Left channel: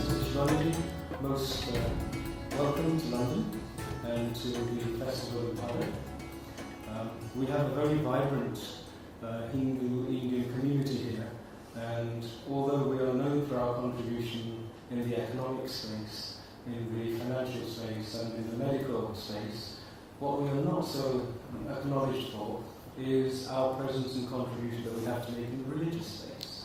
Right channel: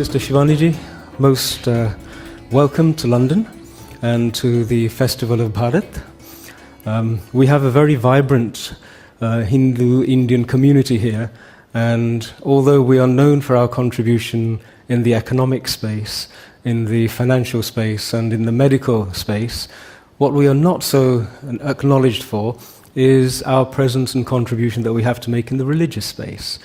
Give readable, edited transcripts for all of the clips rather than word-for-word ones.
Sister Shivani, most welcome to London and to the Festival of Bharat. We have a very vibrant Hindu-Indian community here, and although we are known for our contribution in the economic space, in the financial space and in the medical space, what we are not so acknowledged for is our presence and contribution that we have to make in the religious space.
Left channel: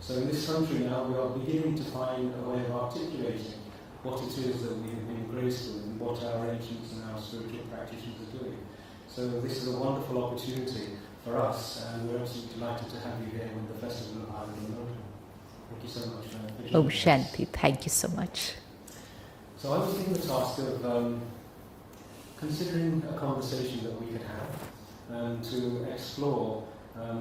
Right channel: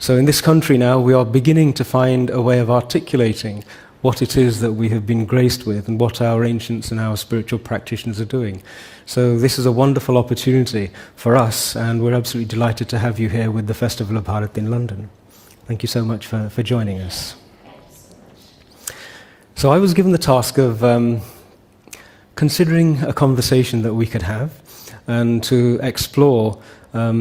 So in this country now, we are beginning to find a way of articulating what it is that we have been graced with and what our ancients and our spiritual practitioners are doing. So this is a wonderful opportunity for us, and we're absolutely delighted to have you here with the Festival of Bharat in London. Thank you so much for joining us. Shanti, thank you so much. So I was given the task of considering a conversation that we could have and to explore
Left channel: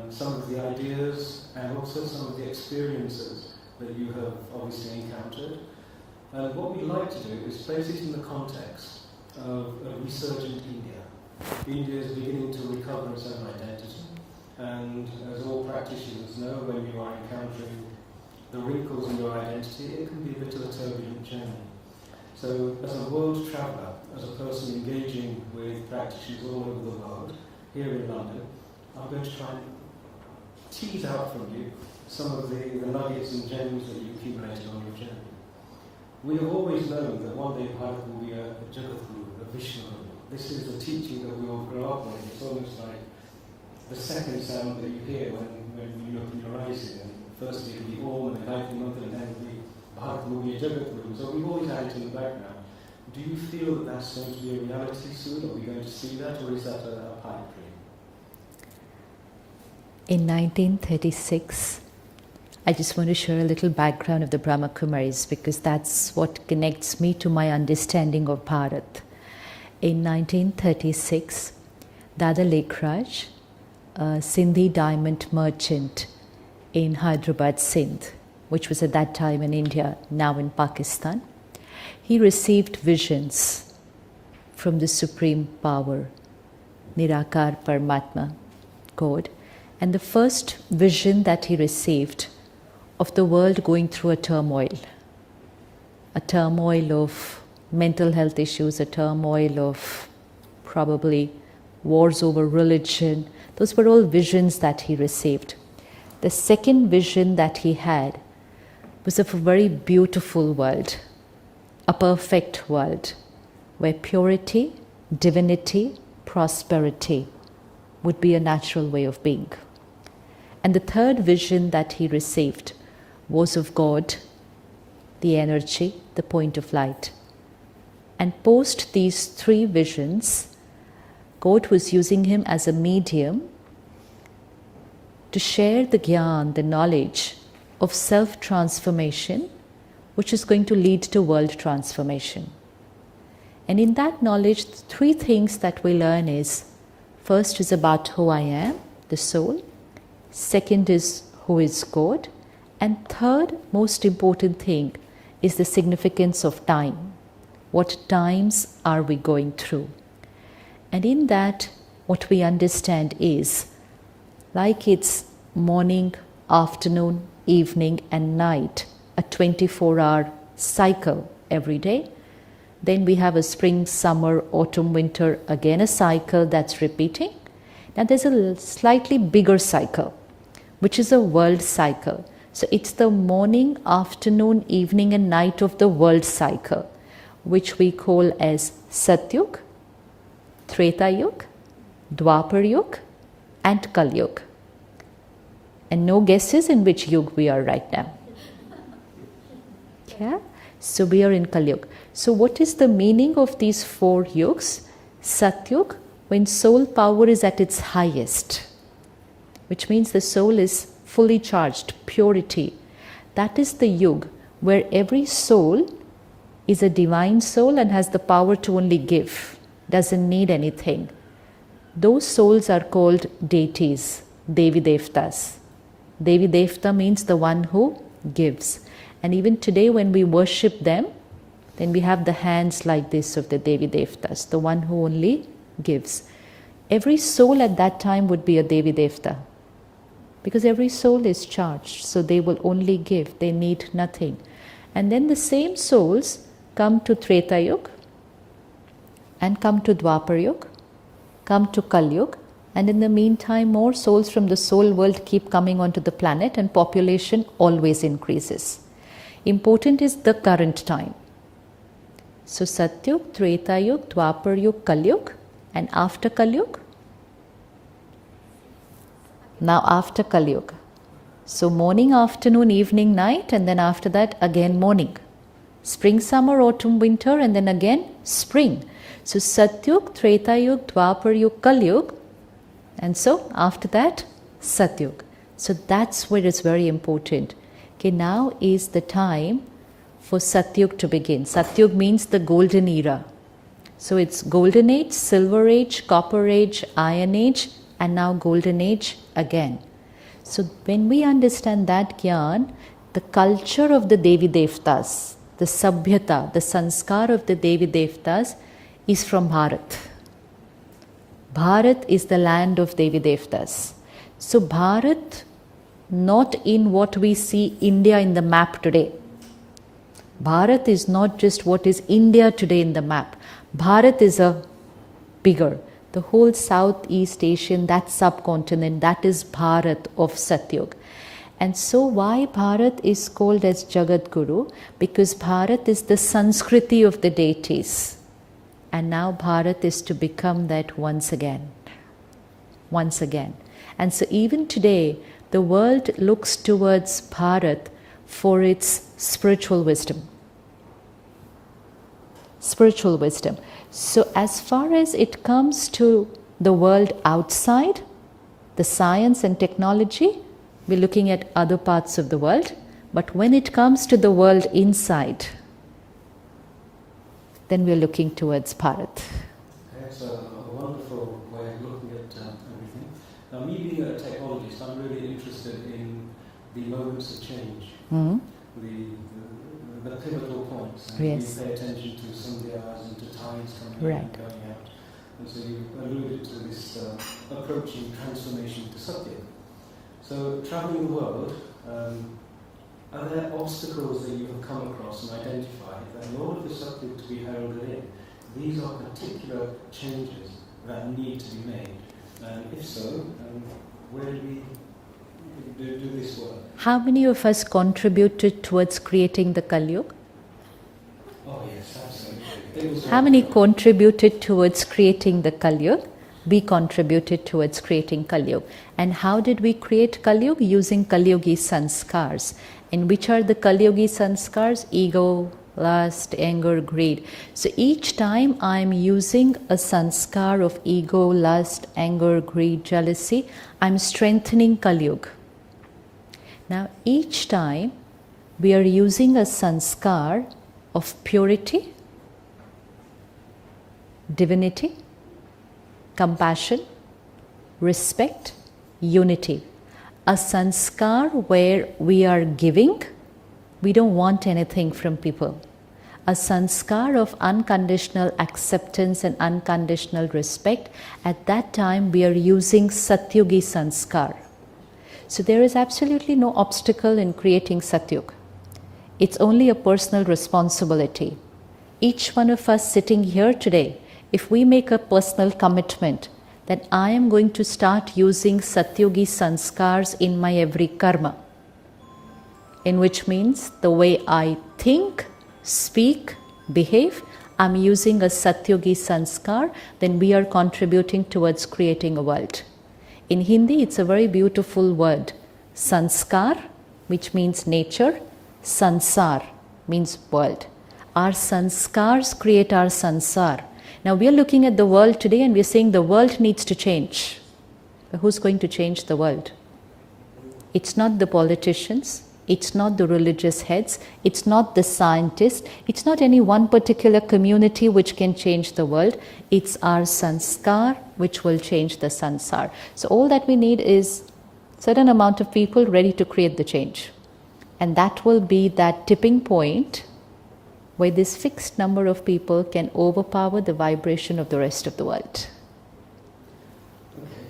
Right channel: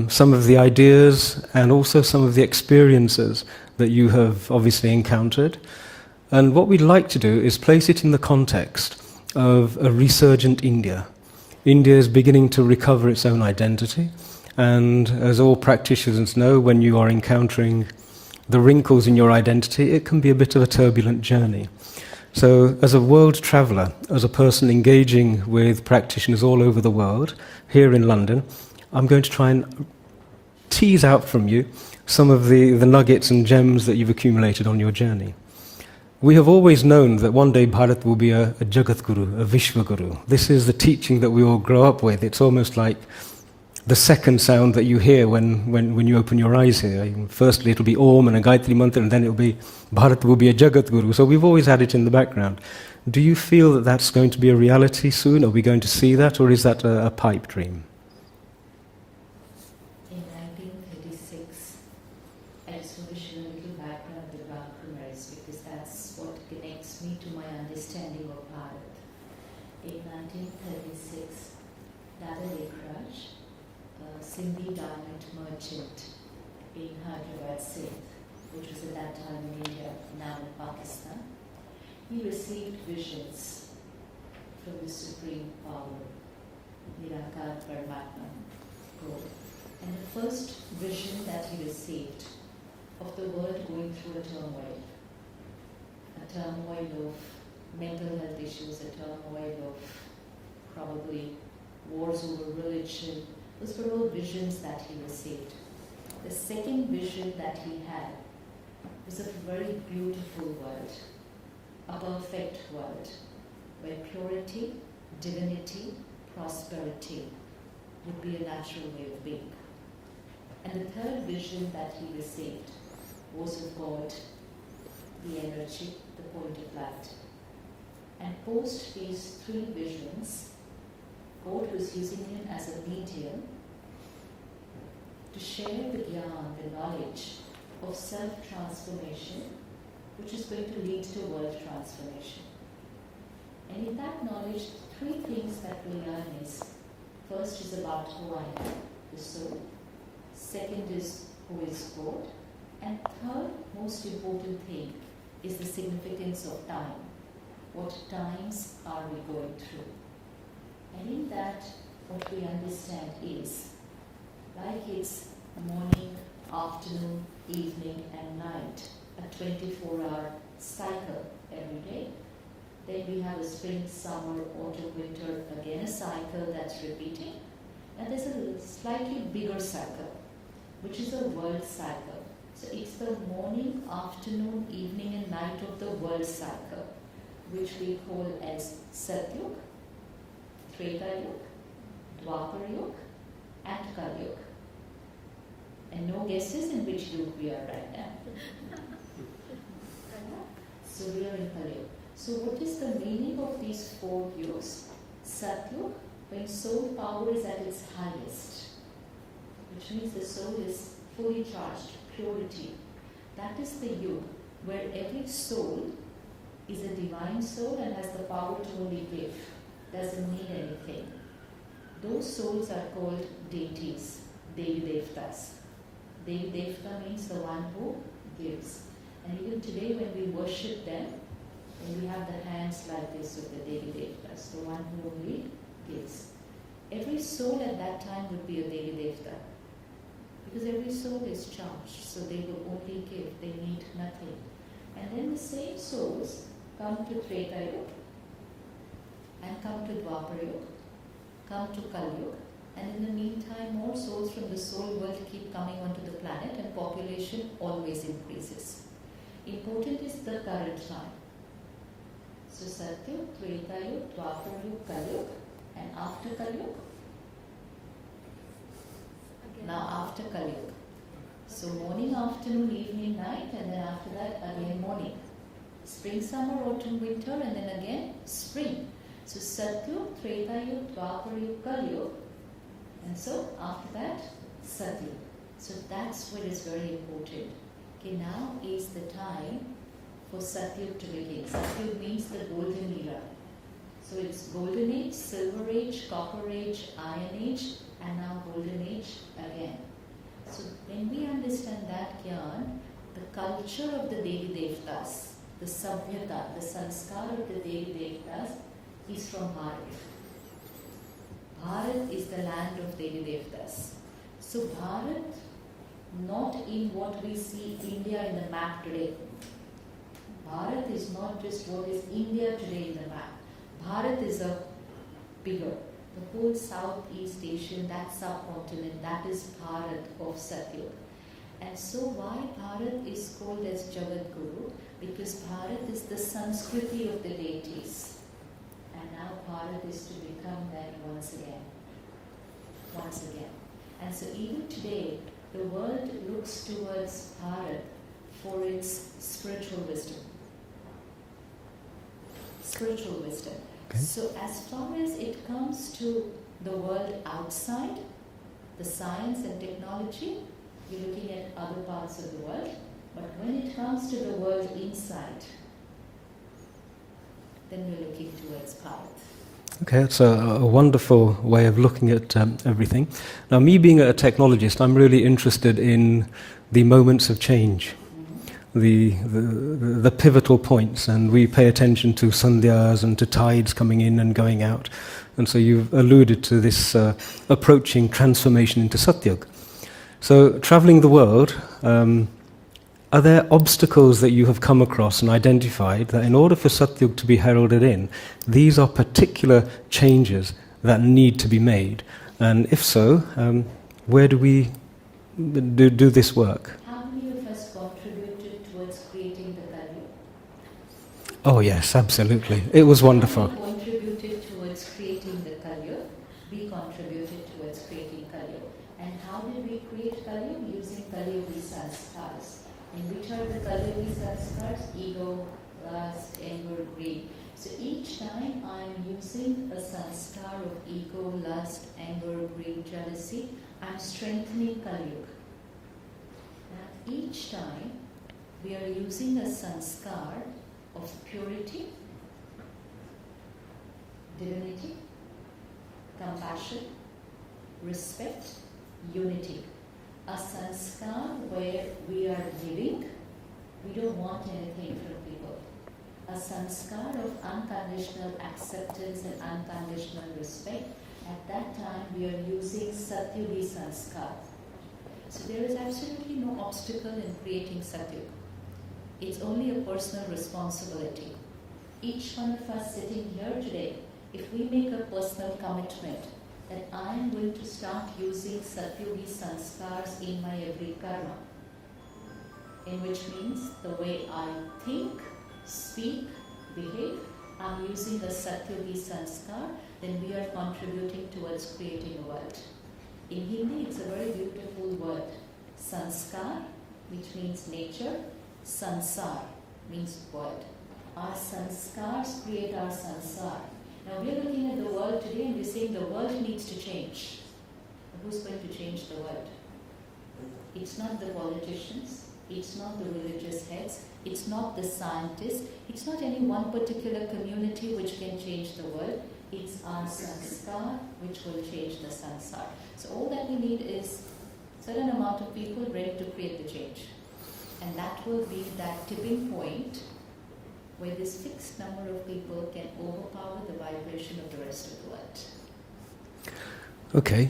some of the ideas and also some of the experiences that you have obviously encountered. And what we'd like to do is place it in the context of a resurgent India. India is beginning to recover its own identity, and as all practitioners know, when you are encountering the wrinkles in your identity, it can be a bit of a turbulent journey. So as a world traveller, as a person engaging with practitioners all over the world, here in London, I'm going to try and tease out from you some of the nuggets and gems that you've accumulated on your journey. We have always known that one day Bharat will be a Jagat Guru, a Vishwa Guru. This is the teaching that we all grow up with. It's almost like the second sound that you hear when you open your eyes here. Firstly, it'll be Om and a Gayatri Mantra, and then it'll be Bharat will be a Jagat Guru. So we've always had it in the background. Do you feel that that's going to be a reality soon? Are we going to see that, or is that a pipe dream? In 1936, I just want to share a little background of the Brahma Kumaris, because that's what connects me to my understanding of Bharat. In 1936, Dada Lekhraj, a Sindhi diamond merchant in Hyderabad, Sindh, which was at that time in India, now in Pakistan, he received visions from the Supreme Power, Nirakar Paramatma, God. And the first vision that he received of the world going through a turmoil of mental health issues, a turmoil of probably wars over religion. Those were all visions that he received. The second vision that he had was of a very beautiful world, a perfect world, where purity, divinity, prosperity would be a natural way of being. And the third vision that he received was of God, the energy, the point of light. And post these three visions, God was using him as a medium to share the gyan, the knowledge of self-transformation, which is going to lead to world transformation. And in that knowledge, three things that we learn is, first is about who I am, the soul. Second is who is God. And third, most important thing, is the significance of time. What times are we going through? And in that, what we understand is, like it's morning, afternoon, evening and night, a 24-hour cycle every day. Then we have a spring, summer, autumn, winter, again a cycle that's repeating. Now there's a slightly bigger cycle, which is a world cycle. So it's the morning, afternoon, evening and night of the world cycle, which we call as Satyug, Treta Yug, Dwapar Yug and Kal Yug. And no guesses in which yug we are right now. Yeah? So we are in Kal Yug. So what is the meaning of these four yugs? Satyug, when soul power is at its highest, which means the soul is fully charged, purity. That is the yug where every soul is a divine soul and has the power to only give, doesn't need anything. Those souls are called deities, Devi Devtas. Devi Devta means the one who gives. And even today when we worship them, then we have the hands like this of the Devi Devtas, the one who only gives. Every soul at that time would be a Devi Devta, because every soul is charged, so they will only give, they need nothing. And then the same souls come to Treta Yuga and come to Dwapar Yuga, come to Kali Yuga, and in the meantime more souls from the soul world keep coming onto the planet and population always increases. Important is the current time. So Satyug, Treta Yuga, Dwapar Yuga, Kali Yuga, and after Kali Yuga? Now after Kali Yuga. So morning, afternoon, evening, night, and then after that again morning. Spring, summer, autumn, winter, and then again spring. So Satyug, Treta Yuga, Dwapar Yuga, Kali Yuga, and so after that Satyug. So that's where it's very important. Okay, now is the time for Satyug to begin. Satyug means the golden era. So it's golden age, silver age, copper age, iron age, and now golden age again. So when we understand that Gyan, the culture of the Devi Devtas, the Sabhyata, the sanskar of the Devi Devtas is from Bharat. Bharat is the land of Devi Devtas. So Bharat, not in what we see India in the map today. Bharat is not just what is India today in the map. Bharat is a bigger, the whole Southeast Asian, that subcontinent, that is Bharat of Satyug. And so why Bharat is called as Jagat Guru? Because Bharat is the Sanskriti of the deities. And now Bharat is to become that once again. Once again. And so even today, the world looks towards Bharat for its spiritual wisdom. Spiritual wisdom. Okay. So as far as it comes to the world outside, the science and technology, we're looking at other parts of the world. But when it comes to the world inside, then we're looking towards Bharat. Okay, that's a wonderful way of looking at everything. Now, me being a technologist, I'm really interested in the moments of change, the pivotal points, and we pay attention to sandhyas and to tides coming in and going out. And so you've alluded to this approaching transformation into Satyug. So, traveling the world, are there obstacles that you have come across and identified that in order for Satyug to be heralded in, these are particular changes that need to be made? And if so, where do we do this work? How many of us contributed towards creating the Kali Yuga? Oh yes, absolutely. It was wonderful. How many contributed towards creating the Kali Yuga? We contributed towards creating Kali Yuga. And how did we create Kali Yuga? Using Kali Yugi sanskars. And which are the Kali Yugi sanskars? Ego, lust, anger, greed. So each time I am using a sanskar of ego, lust, anger, greed, jealousy, I am strengthening Kali Yuga. Now each time we are using a sanskar of purity, divinity, compassion, respect, unity. A sanskar where we are giving, we don't want anything from people. A sanskar of unconditional acceptance and unconditional respect, at that time we are using Satyugi sanskar. So there is absolutely no obstacle in creating Satyug. It's only a personal responsibility. Each one of us sitting here today, if we make a personal commitment that I am going to start using Satyugi sanskars in my every karma, in which means the way I think, speak, behave, I'm using a Satyugi sanskar, then we are contributing towards creating a world. In Hindi, it's a very beautiful word. Sanskar, which means nature, sansar means world. Our sanskars create our sansar. Now we are looking at the world today and we are saying the world needs to change. But who's going to change the world? It's not the politicians, it's not the religious heads, it's not the scientists, it's not any one particular community which can change the world. It's our sanskar which will change the sansar. So all that we need is certain amount of people ready to create the change. And that will be that tipping point where this fixed number of people can overpower the vibration of the rest of the world. Okay,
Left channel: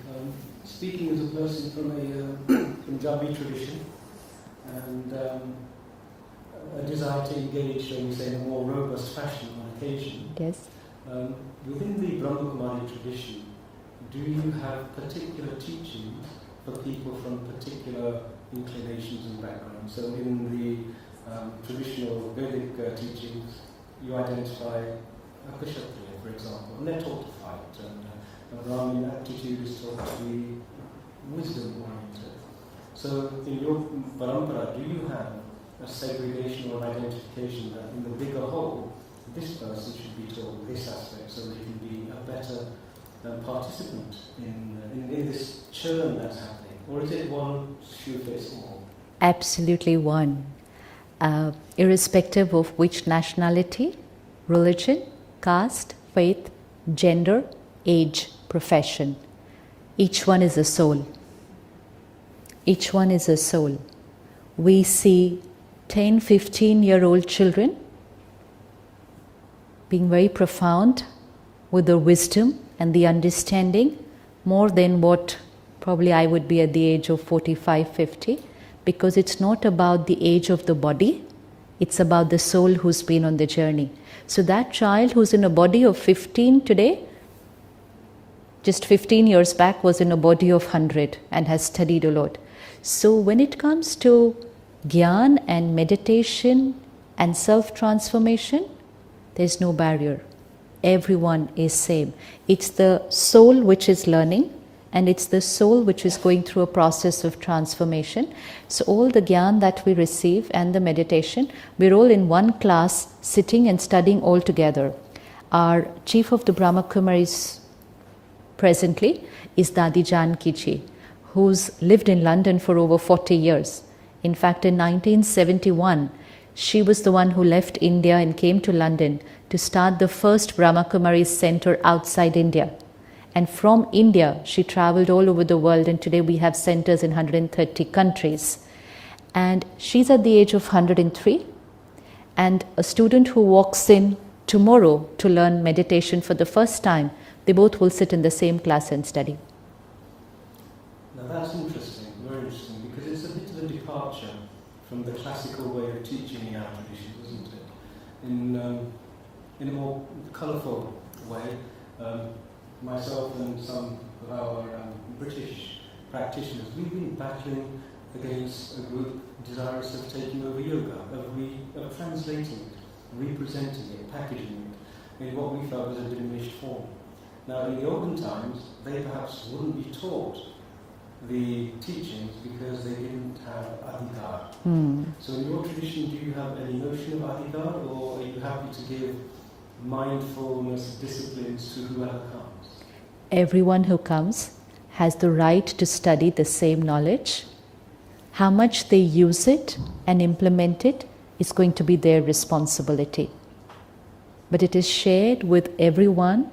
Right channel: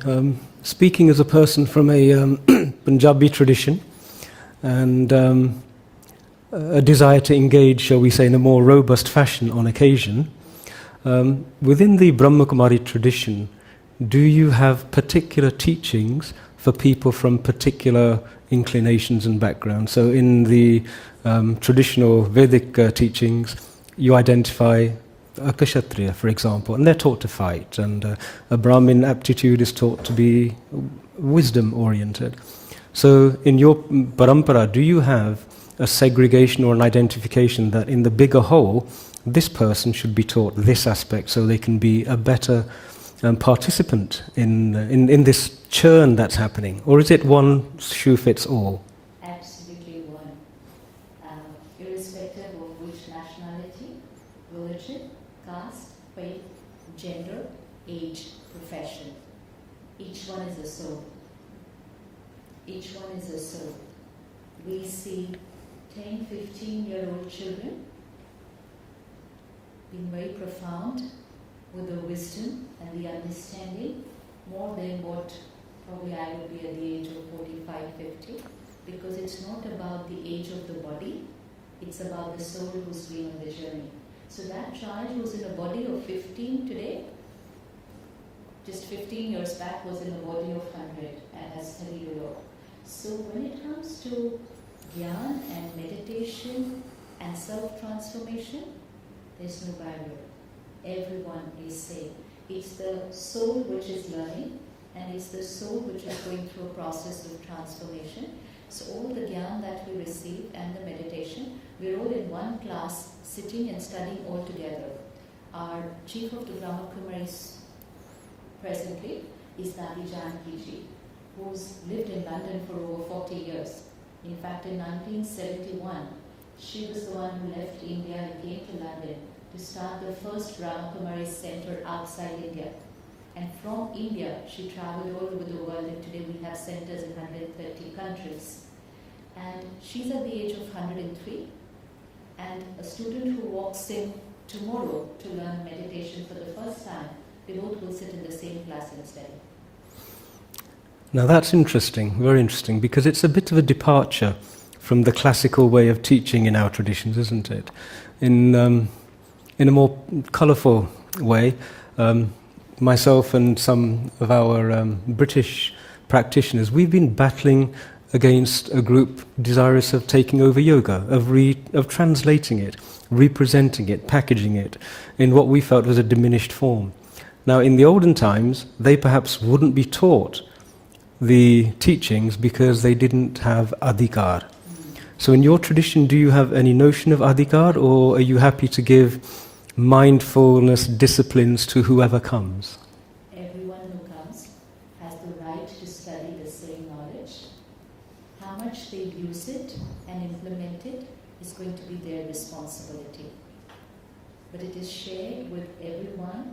speaking as a person from a Punjabi tradition, and a desire to engage, shall we say, in a more robust fashion on occasion. Yes. Within the Brahmakumari tradition, do you have particular teachings for people from particular inclinations and backgrounds? So in the traditional Vedic teachings, you identify a Kshatriya, for example, and they're taught to fight, and a Brahmin aptitude is taught to be wisdom-oriented. So in your parampara, do you have a segregation or an identification that in the bigger whole, this person should be taught this aspect so they can be a better participant in this churn that's happening? Or is it one shoe fits all? Absolutely one. Irrespective of which nationality, religion, caste, faith, gender, age, profession. Each one is a soul. Each one is a soul. We see 10, 15-year-old children being very profound with the wisdom and the understanding more than what probably I would be at the age of 45, 50, because it's not about the age of the body, it's about the soul who's been on the journey. So that child who's in a body of 15 today, just 15 years back was in a body of 100 and has studied a lot. So when it comes to Gyan and meditation and self-transformation, there's no barrier. Everyone is same. It's the soul which is learning, and it's the soul which is going through a process of transformation. So all the Gyan that we receive and the meditation, we're all in one class sitting and studying all together. Our chief of the Brahmakumaris presently is Dadi Janki Ji, who's lived in London for over 40 years. In fact, in 1971, she was the one who left India and came to London to start the first Brahmakumaris center outside India. And from India, she traveled all over the world, and today we have centers in 130 countries. And she's at the age of 103. And a student who walks in tomorrow to learn meditation for the first time, they both will sit in the same class and study. Now that's interesting, very interesting, because it's a bit of a departure from the classical way of teaching in our traditions, isn't it? In a more colourful way, myself and some of our British practitioners, we've been battling against a group desirous of taking over yoga, of translating it, representing it, packaging it in what we felt was a diminished form. Now, in the olden times, they perhaps wouldn't be taught the teachings because they didn't have adhikar. So in your tradition, do you have any notion of adhikar, or are you happy to give mindfulness disciplines to whoever comes? Everyone who comes has the right to study the same knowledge. How much they use it and implement it is going to be their responsibility. But it is shared with everyone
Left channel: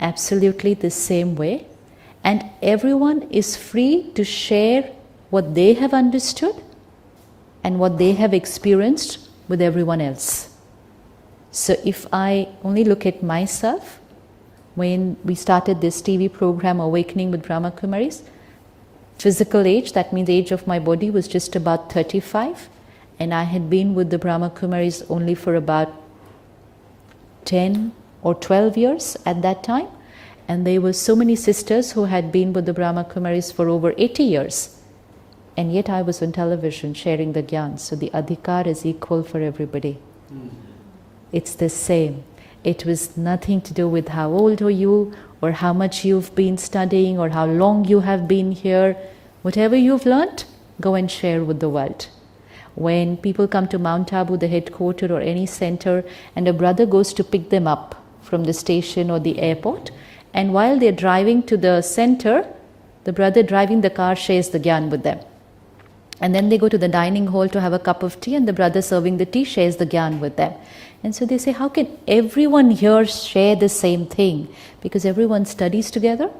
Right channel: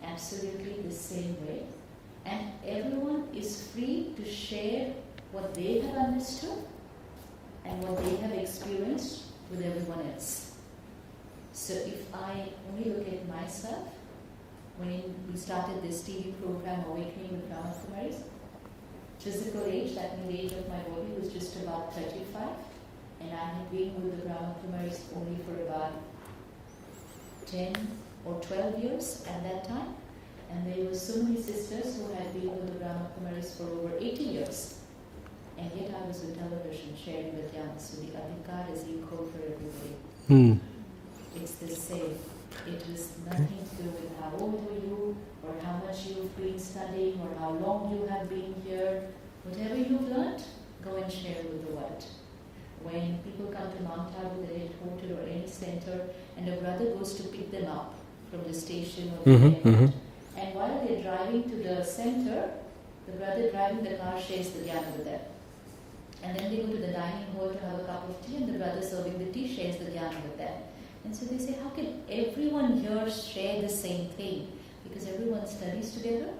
absolutely the same way, and everyone is free to share what they have understood and what they have experienced with everyone else. So if I only look at myself, when we started this TV program, Awakening with Brahmakumaris, physical age, that means age of my body, was just about 35, and I had been with the Brahmakumaris only for about 10 or 12 years at that time. And there were so many sisters who had been with the Brahmakumaris for over 80 years. And yet I was on television sharing the Gyan. So the adhikar is equal for everybody. It's the same. It was nothing to do with how old are you, or how much you've been studying, or how long you have been here. Whatever you've learnt, go and share with the world. When people come to Mount Abu, the headquarters or any center, and a brother goes to pick them up from the station or the airport, and while they're driving to the center, the brother driving the car shares the Gyan with them. And then they go to the dining hall to have a cup of tea, and the brother serving the tea shares the Gyan with them. And so they say, how can everyone here share the same thing? Because everyone studies together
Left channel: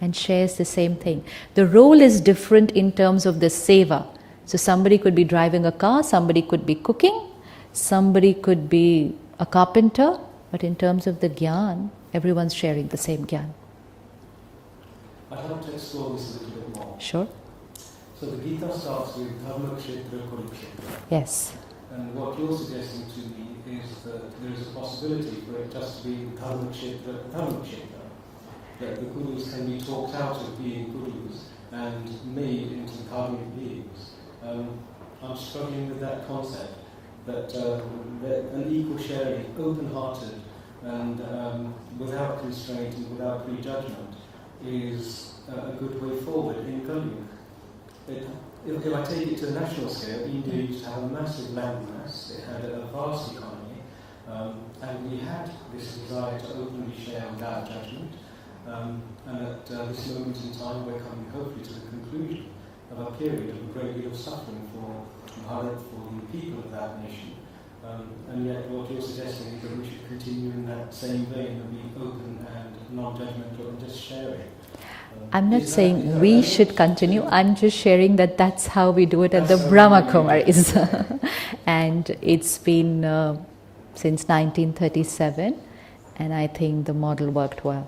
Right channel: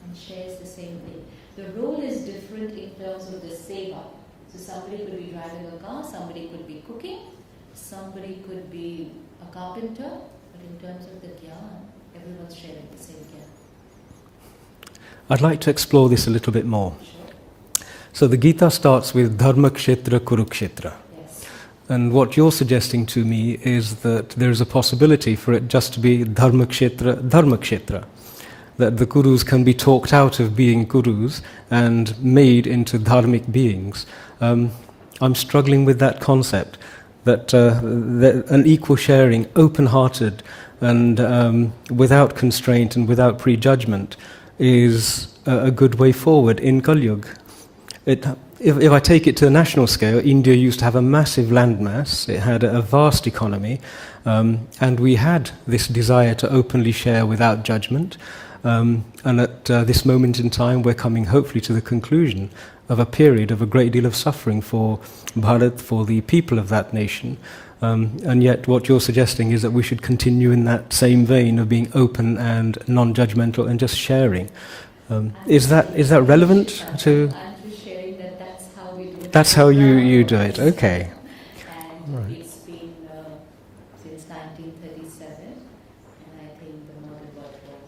and shares the same thing. The role is different in terms of the seva. So somebody could be driving a car, somebody could be cooking, somebody could be a carpenter, but in terms of the Gyan, everyone's sharing the same Gyan. I'd like to explore this a little bit more. Sure. So the Gita starts with Dharmakshetra, Kurukshetra. Yes. And what you're suggesting to me is that there is a possibility for it just to be Dharmakshetra, that the Kurus can be talked out of being Kurus and made into dharmic beings. I'm struggling with that concept, that an equal sharing, open-hearted, and without constraint and without prejudgment is a good way forward in Kali Yuga. If I take it to a national scale, India used to have a massive landmass, it had a vast economy, and we had this desire to openly share without judgment. And at this moment in time, we're coming hopefully to the conclusion of a period of a great deal of suffering for Bharat, for the people of that nation. And yet what you're suggesting is that we should continue in that same vein of being open and non-judgmental and just sharing. I'm not is that we relevant should continue. to... I'm just sharing that that's how we do it That's at the how Brahma you do it, Kumaris. okay. And it's been since 1937, and I think the model worked well.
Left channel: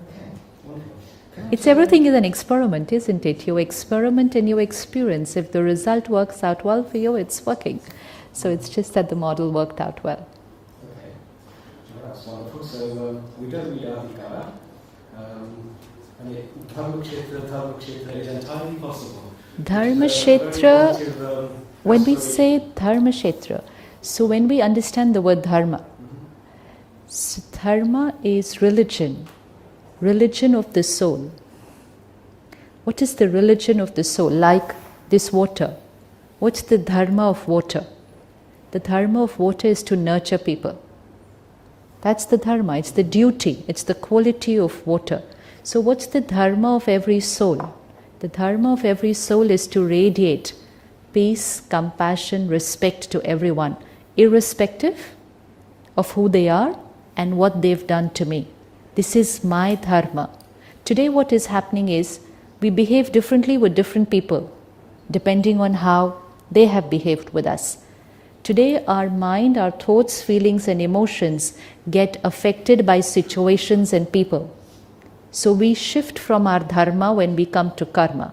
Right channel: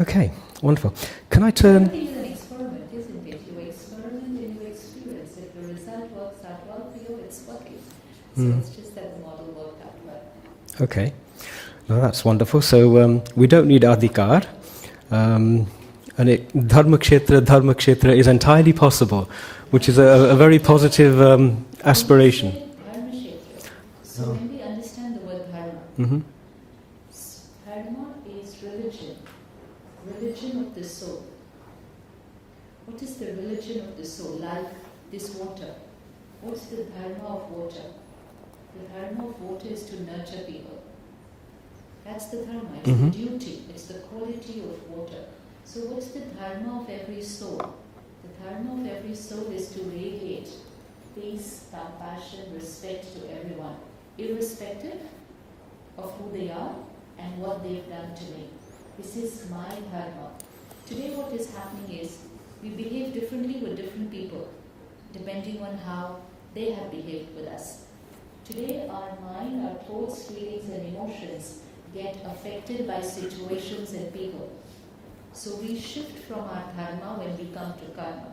Okay, wonderful. Can I Everything is an experiment, isn't it? You experiment and you experience. If the result works out well for you, it's working. So it's just that the model worked out well. Okay, well, that's wonderful. So we don't need adhikar. And Dharmakshetra is entirely possible, which is a very positive aspiration. When we say Dharmakshetra, so when we understand the word Dharma, so Dharma is religion of the soul. What is the religion of the soul? Like this water. What's the Dharma of water? The Dharma of water is to nurture people. That's the Dharma, it's the duty, it's the quality of water. So what's the Dharma of every soul? The Dharma of every soul is to radiate peace, compassion, respect to everyone, irrespective of who they are and what they've done to me. This is my Dharma. Today what is happening is we behave differently with different people depending on how they have behaved with us. Today our mind, our thoughts, feelings and emotions get affected by situations and people. So we shift from our dharma when we come to karma.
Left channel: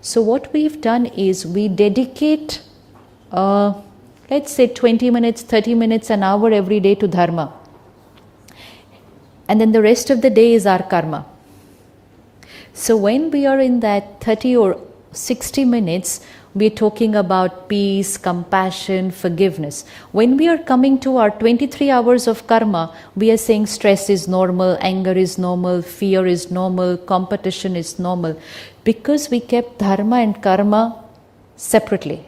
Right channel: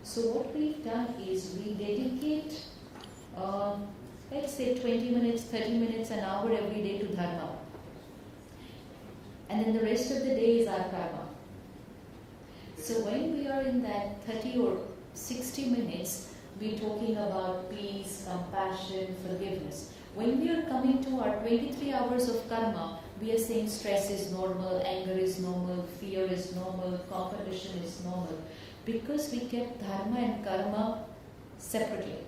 So what we've done is we dedicate, let's say 20 minutes, 30 minutes, an hour every day to dharma. And then the rest of the day is our karma. So when we are in that 30 or 60 minutes, we're talking about peace, compassion, forgiveness. When we are coming to our 23 hours of karma, we are saying stress is normal, anger is normal, fear is normal, competition is normal. Because we kept dharma and karma separately.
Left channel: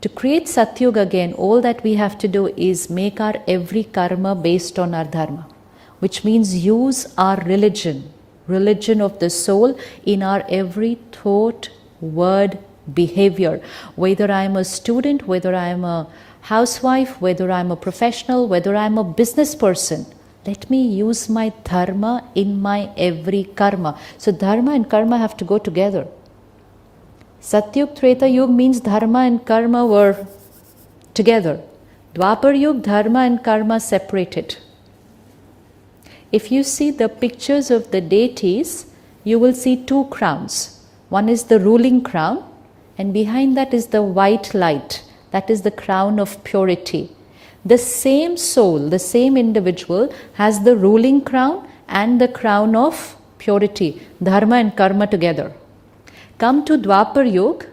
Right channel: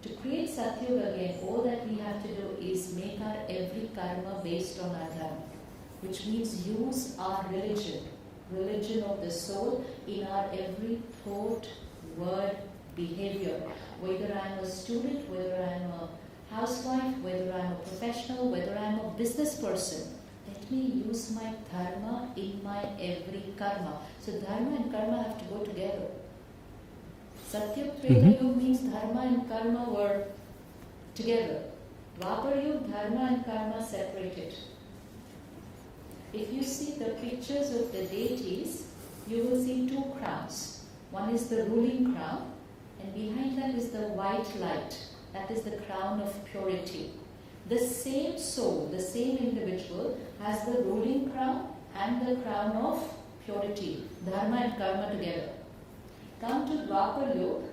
To create Satyuga again, all that we have to do is make our every karma based on our dharma. Which means use our religion of the soul in our every thought, word, behavior. Whether I am a student, whether I am a housewife, whether I am a professional, whether I am a business person, let me use my dharma in my every karma. So dharma and karma have to go together. Satyug, Treta Yug means dharma and karma were together. Dwapar Yug, dharma and karma separated. If you see the pictures of the deities, you will see two crowns. One is the ruling crown, and behind that is the white light. That is the crown of purity. The same soul, the same individual has the ruling crown and the crown of purity, dharma and karma together. Come to Dwapar Yuga,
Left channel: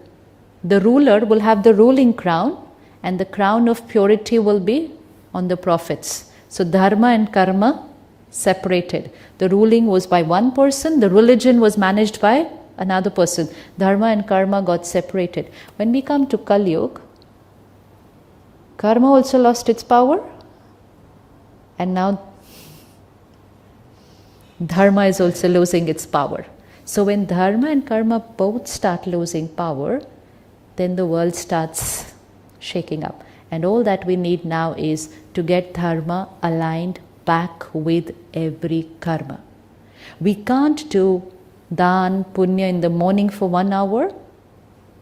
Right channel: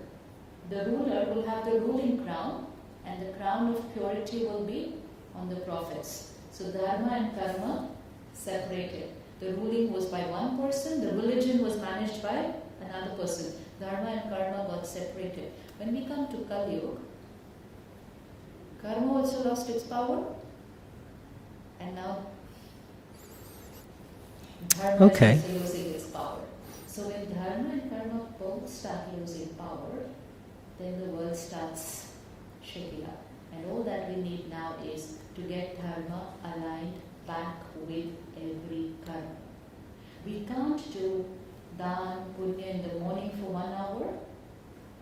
the ruler will have the ruling crown and the crown of purity will be on the prophets. So dharma and karma separated. The ruling was by one person, the religion was managed by another person. Dharma and karma got separated. When we come to Kali Yuga, karma also lost its power, and now dharma is also losing its power. So when dharma and karma both start losing power, then the world starts shaking up. And all that we need now is to get dharma aligned back with every karma. We can't do dan, punya in the morning for 1 hour,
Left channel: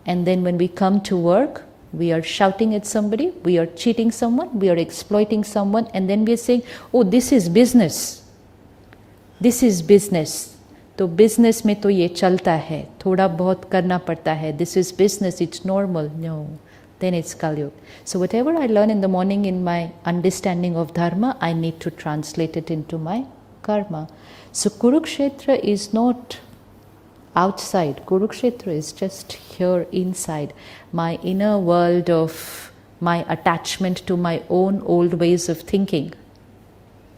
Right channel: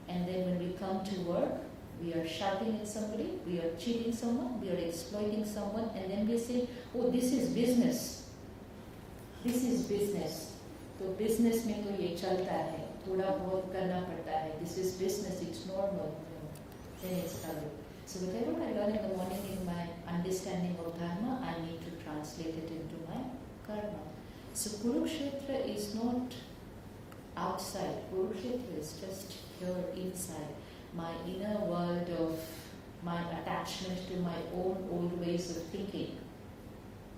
and then when we come to work, we are shouting at somebody, we are cheating someone, we are exploiting someone, and then we are saying, oh, this is business. This is business. तो business में तो ये चलता है, थोड़ा बहुत करना पड़ता है. This is business, it's normal. No. then it's Kali Yuga. So whatever I learn in the morning in my understanding of Dharma, I need to translate it into my karma. So Kurukshetra is not outside. Kurukshetra is just here inside. My inner world of my attachment to my own old ways of thinking.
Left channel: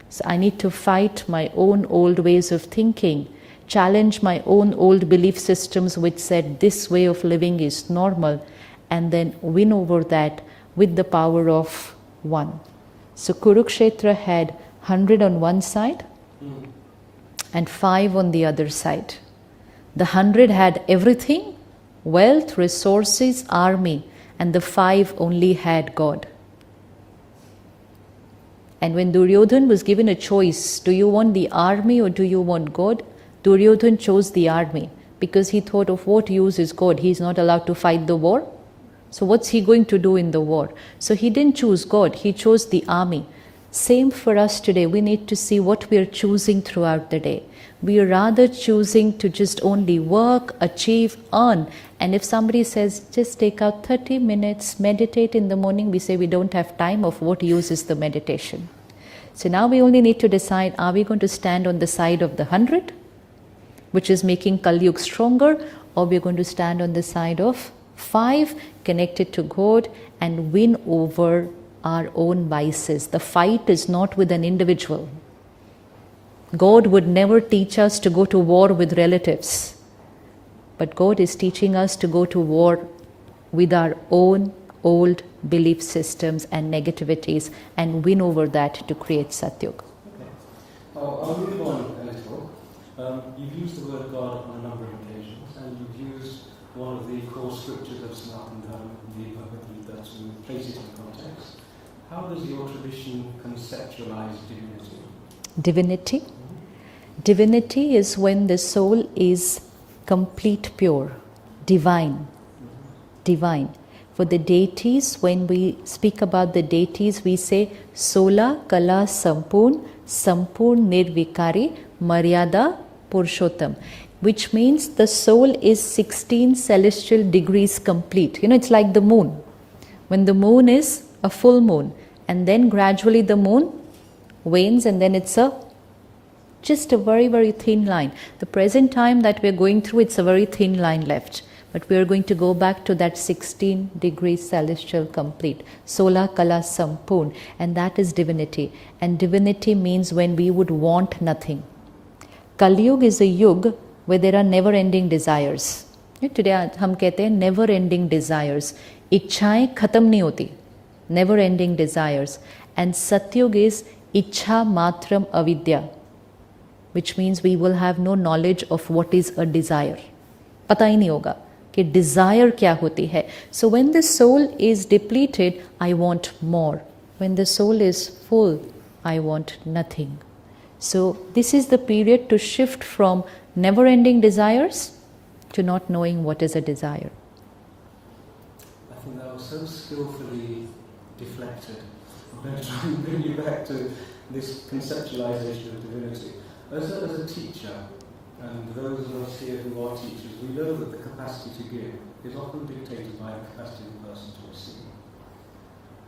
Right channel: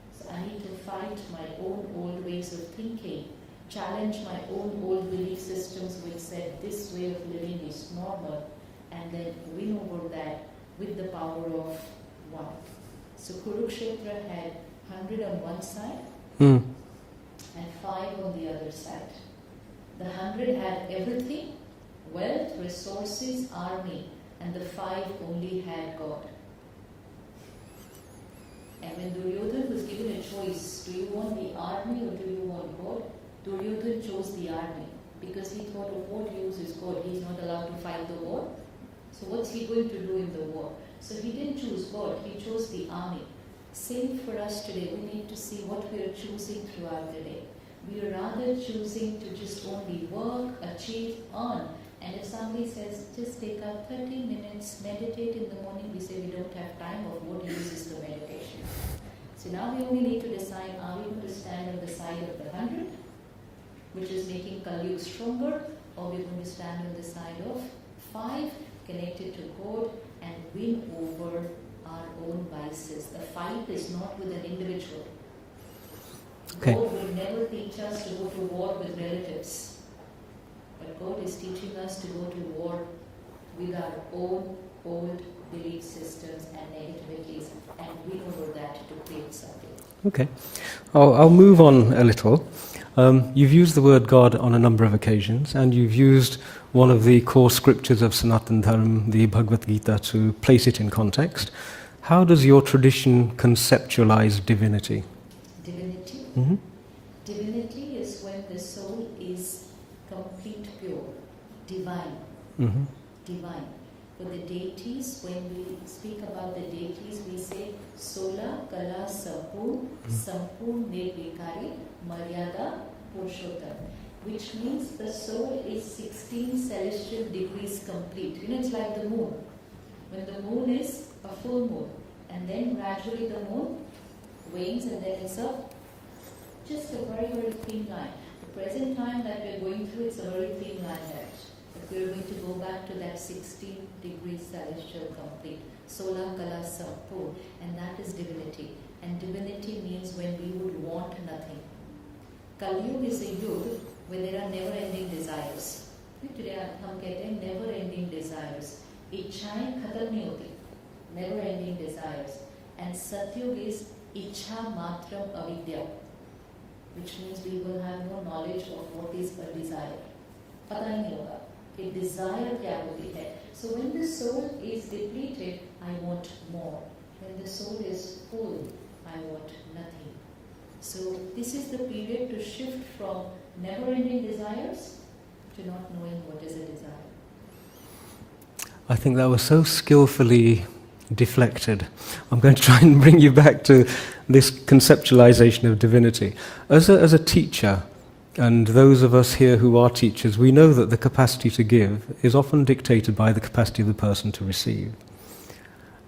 So I need to fight my own old ways of thinking, challenge my own old belief systems which said this way of living is normal, and then win over that with the power of one. So Kurukshetra had 100 on one side and 5 on the other side. The 100 had everything, wealth, resources, army, and the 5 only had God. And when Duryodhan was given a choice, do you want the army or do you want God? Duryodhan chose the army because he thought, of what use is God? He is not allowed to fight the war. So what's he going to do in the war? So he didn't choose God, he chose the army. Same for us today. We need to see what we are choosing throughout the day. We are rather choosing to just only work, achieve, earn. And if somebody says, just take out 30 minutes, meditate in the morning, we say we don't have time. Of what use is the meditation? So now we only need to decide, are we going to stand on the side of the 100, which is making Kali Yuga stronger, or we're going to stand on the side of 5, connected to God, and win over our own vices. The fight is not with an individual. God would never teach us to go to war with relatives. But God is teaching us to go to war with our own old belief systems and negativities and win over that to create Satyuga. Okay. I'll move on a little. You've used the word God on a number of occasions, and you've used one of the core scriptures of Sanatana Dharma, the Bhagavad Gita, to place it in context. How does your tradition conceptualize divinity? Divinity? Mm-hmm. Divinity is when the soul is complete, pure, divine. Mm-hmm. Divine. For the deities, when we speak about the deities, we say Sola Kala Sampurn, Sampurn Nirvikari, Maryada Purushottam, which means the soul is 16 celestial degrees complete. You know, it's like the moon. When the moon is a full moon, and then gradually the moon wanes, and then it's just a very, very thin line. The present time that we're going through, it's a very thin line left. But we are going to go back to that 16 degrees celestial complete. Sola Kala Sampurn. And that is divinity. And divinity means when we would want nothing. Kali Yuga is a yuga where there are never-ending desires. Today हम कहते हैं never-ending desires. इच्छाएं खत्म नहीं होती. Never-ending desires. And Satyuga is Ichha Matram Avidya, which means we will have no knowledge of what is a desire. पता ही नहीं होगा कि desire क्या होती है. So when the soul is depleted, I want more. When the soul is full, I want nothing. So this is the period to shift from never-ending desires to not knowing what is a desire. I think that was so skillfully deflected. I'm going to try and bring you back to this conceptualization of divinity. As a teacher, and those of us here who are teachers, we know that the capacity to give is often dictated by the capacity of the person to receive.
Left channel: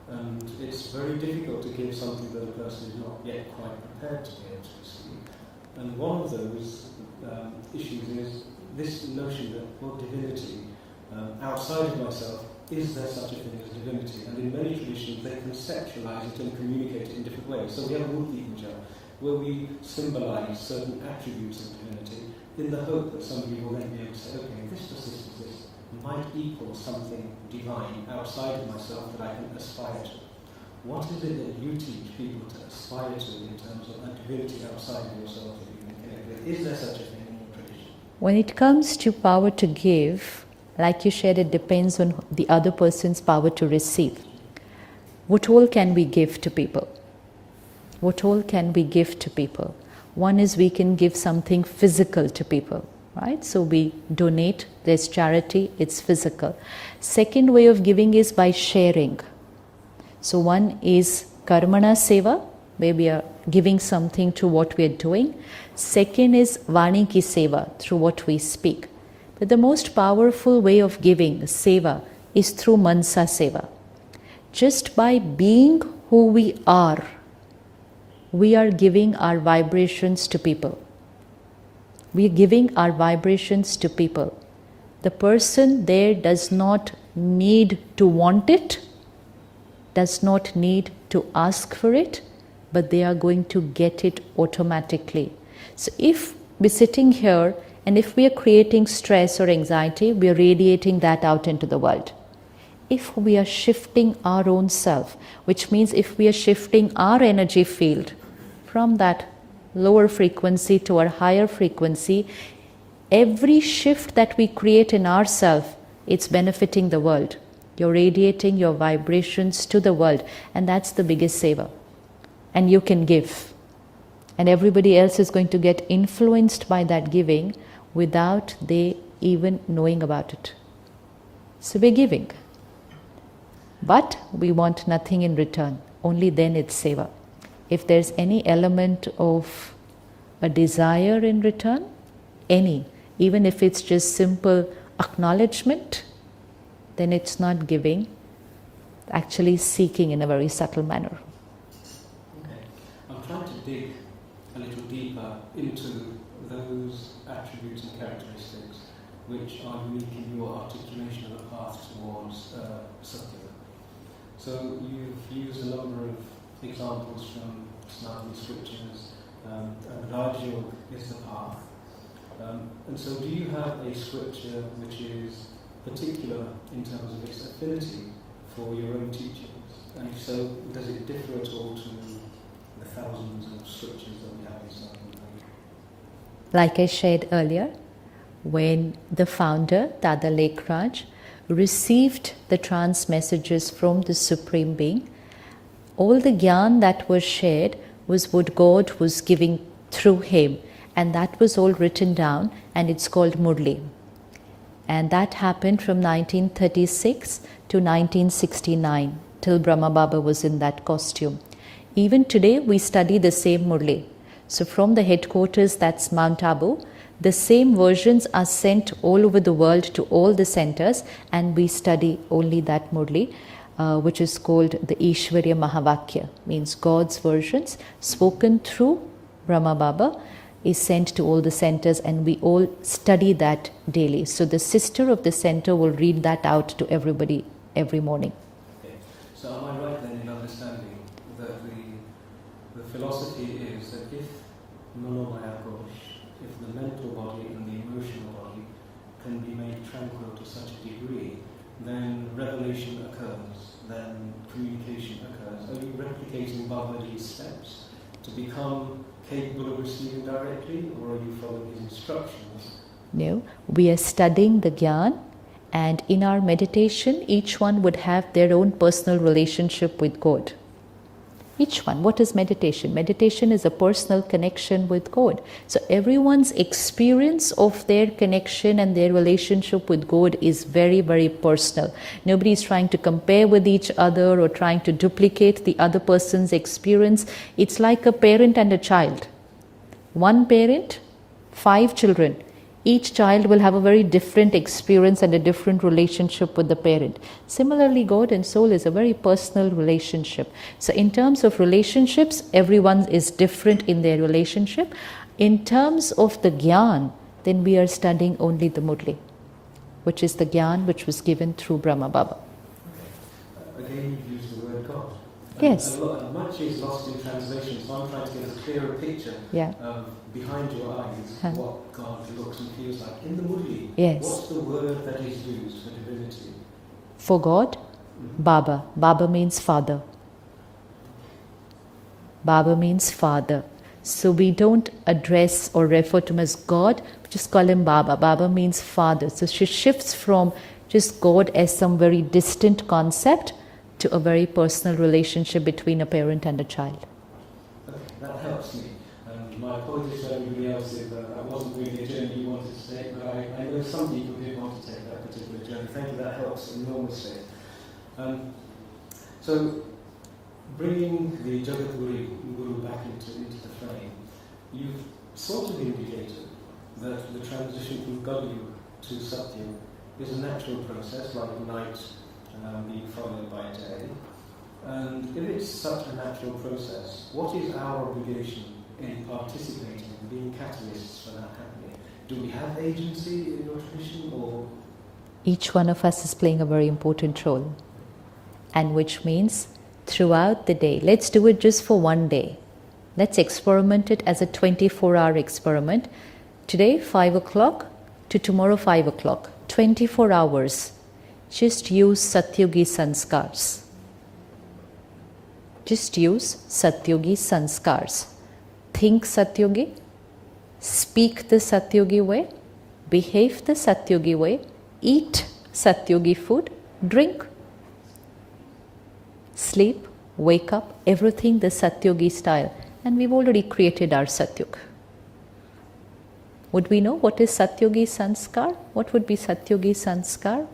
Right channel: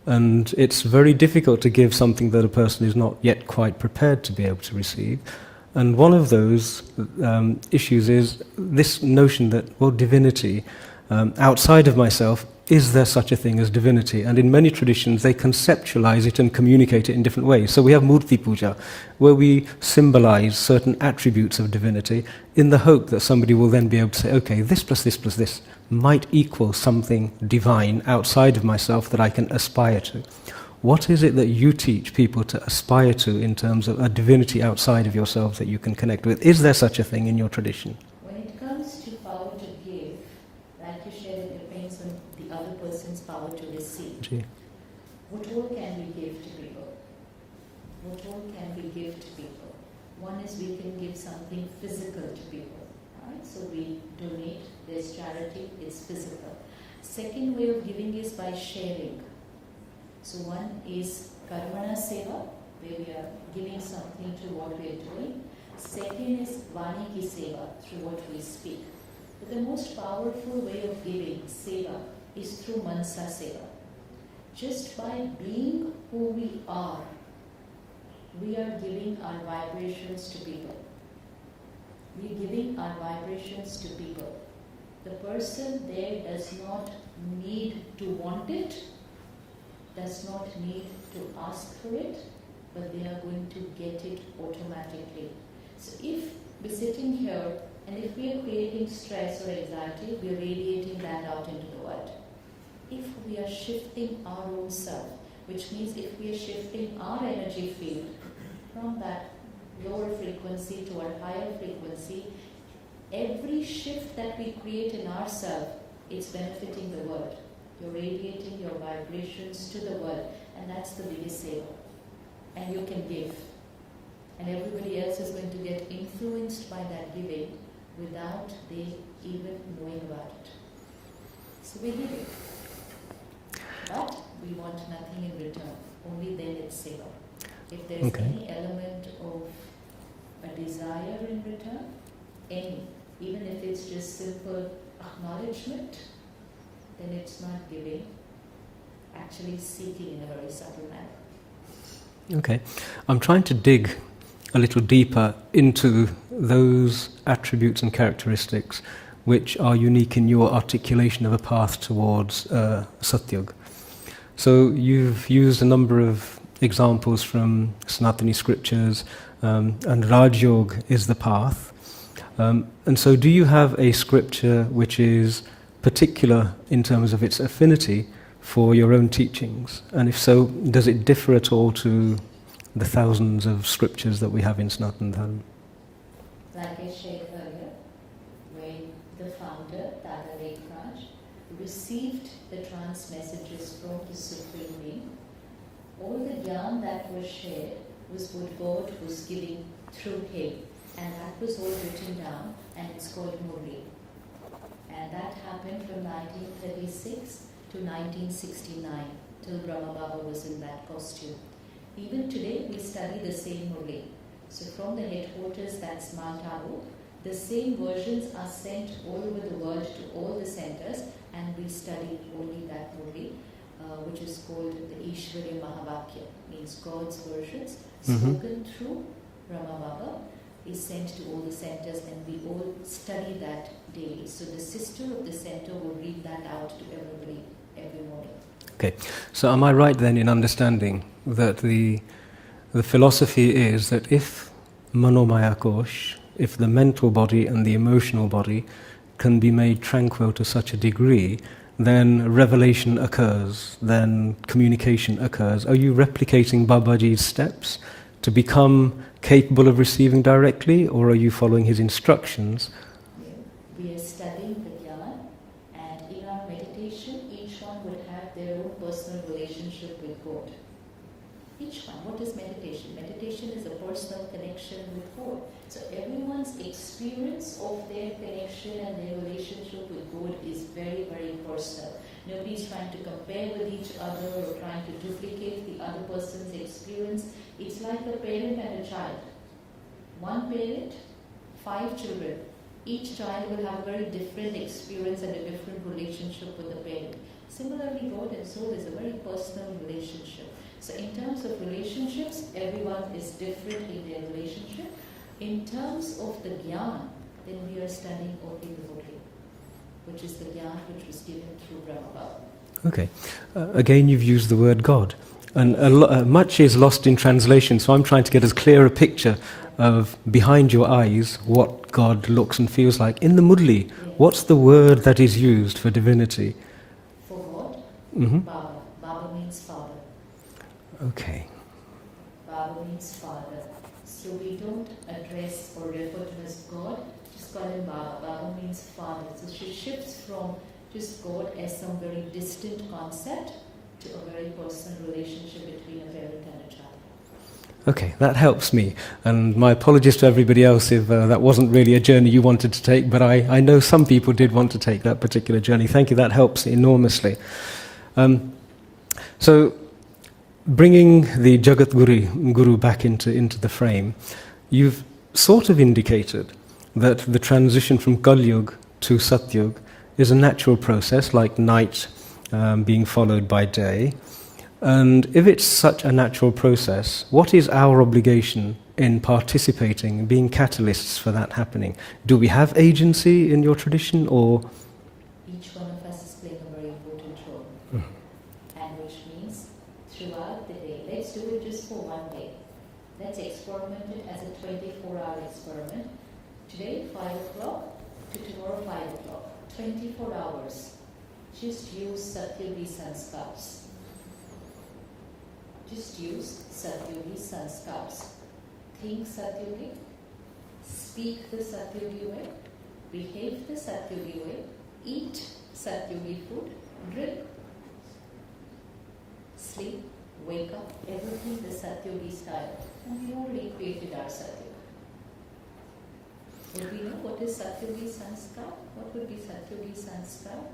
And it's very difficult to give something that a person is not yet quite prepared to be able to receive. And one of those issues is this notion that, well, divinity, outside of myself, is there such a thing as divinity? And in many traditions, they conceptualize it and communicate it in different ways. So we have Murti Puja, where we symbolize certain attributes of divinity in the hope that somebody will then be able to say, okay, this plus this plus this might equal something divine outside of myself that I can aspire to. What is it that you teach people to aspire to in terms of a divinity outside of yourself that you can connect with? Is there such a thing in your tradition? When it comes to power to give, like you said, it depends on the other person's power to receive. Gee. What all can we give to people? What all can we give to people? One is we can give something physical to people, right? So we donate, there's charity, it's physical. Second way of giving is by sharing. So one is karmana seva, where we are giving something to what we are doing. Second is vani ki seva, through what we speak. But the most powerful way of giving, seva, is through Mansa Seva. Just by being who we are giving our vibrations to people. We are giving our vibrations to people. The person there does not need to want it, does not need to ask for it, but they are going to get it automatically. So if we're sitting here and if we are creating stress or anxiety, we are radiating that out into the world. If we are shifting our own self, which means if we are shifting our energy field from that lower frequency to our higher frequency, every shift that we create in ourselves, it's benefiting the world. You're radiating your vibrations to the world, and that's the biggest saver. And you can give. And everybody else is going to get influenced by that giving without they even knowing about it. So we're giving. But we want nothing in return. Only then it's seva. If there's any element of a desire in return, even if it's just simple acknowledgement, then it's not giving, actually seeking in a very subtle manner. Okay. I'm trying to dig a little deeper into those attributes and characteristics which are unique in your articulation of a path towards Satyug. So you've used a number of examples from Sanatani scriptures, and Rajyog is the path. And so do you have a scripture which is particular in terms of its affinity for your own teachings? And if so, does it differ at all to the thousands of scriptures that we have in Sanatana Dharma? Like I shared earlier, when the founder, Dada Lekraj, received the trance messages from the Supreme Being, all the gyan that was shared was what God was giving through him, and that was all written down, and it's called Murli. And that happened from 1936 to 1969, till Brahma Baba was in that costume. Even today, we study the same Murli. So from the headquarters, that's Mount Abu, the same versions are sent all over the world to all the centers, and we study only that Murli, which is called the Ishwarya Mahavakya, means God's versions, spoken through Brahma Baba, is sent to all the centers, and we all study that daily. So the sister of the center will read that out to everybody every morning. Okay, so am I right then in understanding that the philosophy is that if Manomaya Kosh, if the mental body and the emotional body can be made tranquil to such a degree, then revelation occurs, then communication occurs. Are you replicating Babaji's steps to become capable of receiving directly, or are you following his instructions? No, we are studying the Gyan, and in our meditation, each one would have their own personal relationship with God. Each one. What is meditation? Meditation is a personal connection with God. So everyone's experience of their connection and their relationship with God is very, very personal. Nobody is trying to compare with each other or trying to duplicate the other person's experience. It's like a parent and a child. One parent, 5 children. Each child will have a very different experience and a different relationship with the parent. Similarly, God and soul is a very personal relationship. So in terms of relationships, everyone is different in their relationship. In terms of the Gyan, then we are studying only the Murli, which is the Gyan which was given through Brahma Baba. Okay. Again, you've used the word God. And Yes. Much is lost in translation, so I'm trying to get as clear a picture of behind your eyes what God looks and feels like. In the Murli, Yes. what's the word that is used for divinity? For God, Baba. Baba means father. Okay. Baba means father. So we don't address or refer to him as God, we just call him Baba. Baba means father. So she shifts from just God as some very distant concept to a very personal relationship between a parent and a child. Okay, that helps me. And my apologies to everybody else if that wasn't really a journey you wanted to take, but I know some people did want to take that particular journey. Thank you, that helps enormously. So, bringing the Jagat Guru back into the frame, you've sort of indicated that the transition from Kalyug to Satyug is a natural process, like night being followed by day. And if it's such a natural process, what is our obligation in participating, being catalysts for that happening? Do we have agency in your tradition, or? Each one of us is playing a very important role. And which means throughout the day, let's do it just for one day. Let's experiment it as a 24-hour experiment. Today, 5 o'clock to tomorrow, 5 o'clock. 24 hours. Just use Satyugi sanskars. Just use Satyugi sanskars. Think Satyugi, speak the Satyugi way, behave the Satyugi way, eat Satyugi food, drink, sleep, wake up, everything the Satyugi style. And we've already created our Satyug. Would we know what is Satyugi sanskar? What would be Satyugi sanskar?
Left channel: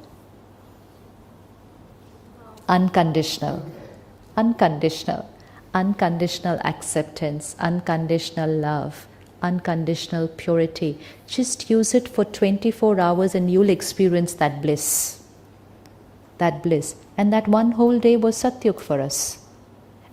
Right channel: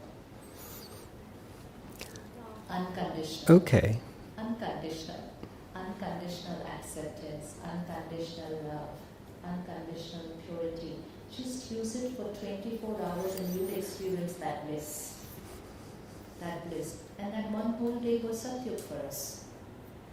Unconditional. Okay. Unconditional. Unconditional acceptance, unconditional love, unconditional purity. Just use it for 24 hours and you'll experience that bliss. That bliss. And that one whole day was Satyug for us.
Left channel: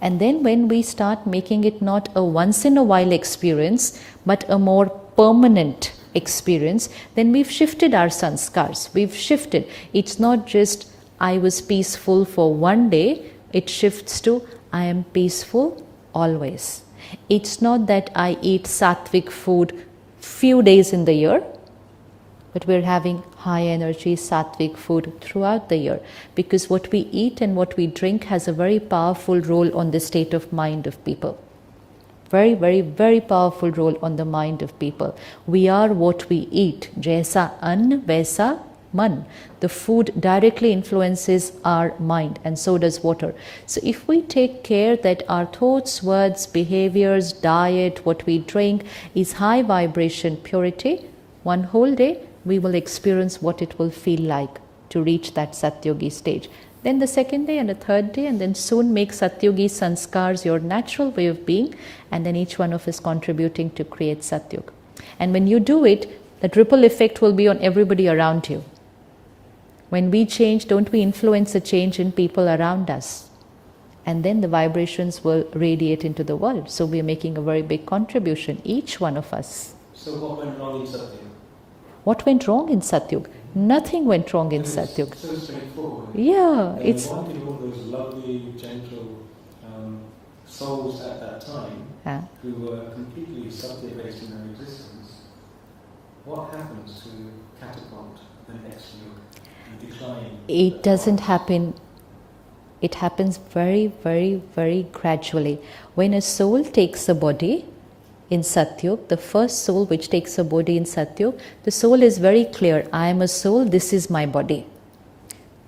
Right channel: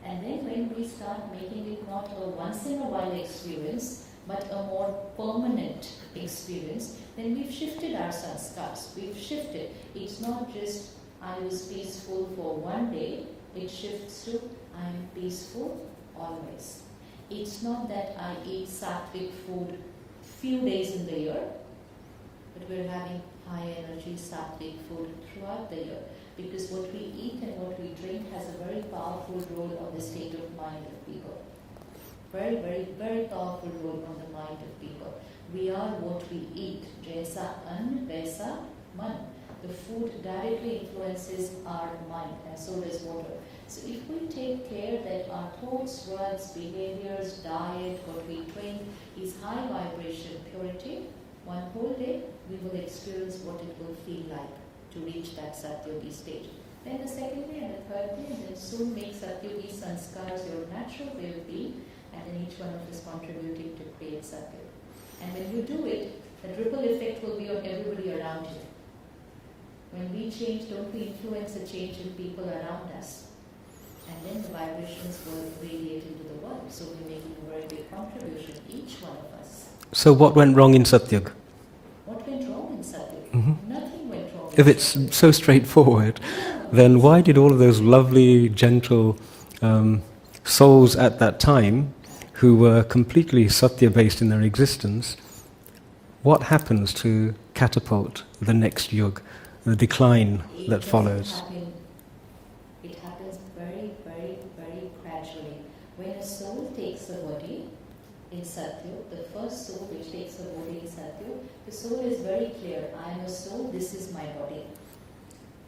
And then when we start making it not a once in a while experience, but a more permanent experience, then we've shifted our sanskars. We've shifted. It's not just I was peaceful for one day, it shifts to I am peaceful always. It's not that I eat sattvic food few days in the year, but we're having high energy sattvic food throughout the year, because what we eat and what we drink has a very powerful role on the state of mind of people. Very, very, very powerful role on the mind of people. We are what we eat. Jaisa ann, vaisa man. The food directly influences our mind, and so does water. So if we take care that our thoughts, words, behaviors, diet, what we drink is high vibration purity, one whole day we will experience what it will feel like to reach that Satyugi stage. Then the second day and the third day, and then soon make Satyugi sanskars your natural way of being, and then each one of us contributing to create Satyug. And when you do it, that ripple effect will be on everybody around you. When we change, don't we influence a change in people around us? And then the vibrations will radiate into the world. So we are making a very big contribution, each one of us. So what went wrong in Satyug? What went wrong in Satyug? Nothing went wrong in If Satyug. it's so straightforward, Yeah, then why did all of those lovely, gentle souls at that time, who were completely Satya-based in their existence, what happens to catapult the next yug, the decline that doesn't follows? happen. It happens very, very, very gradually. When a soul takes a body in Satyug, the first soul which takes a body in Satyug, the soul is very clear. I am a soul, this is my body.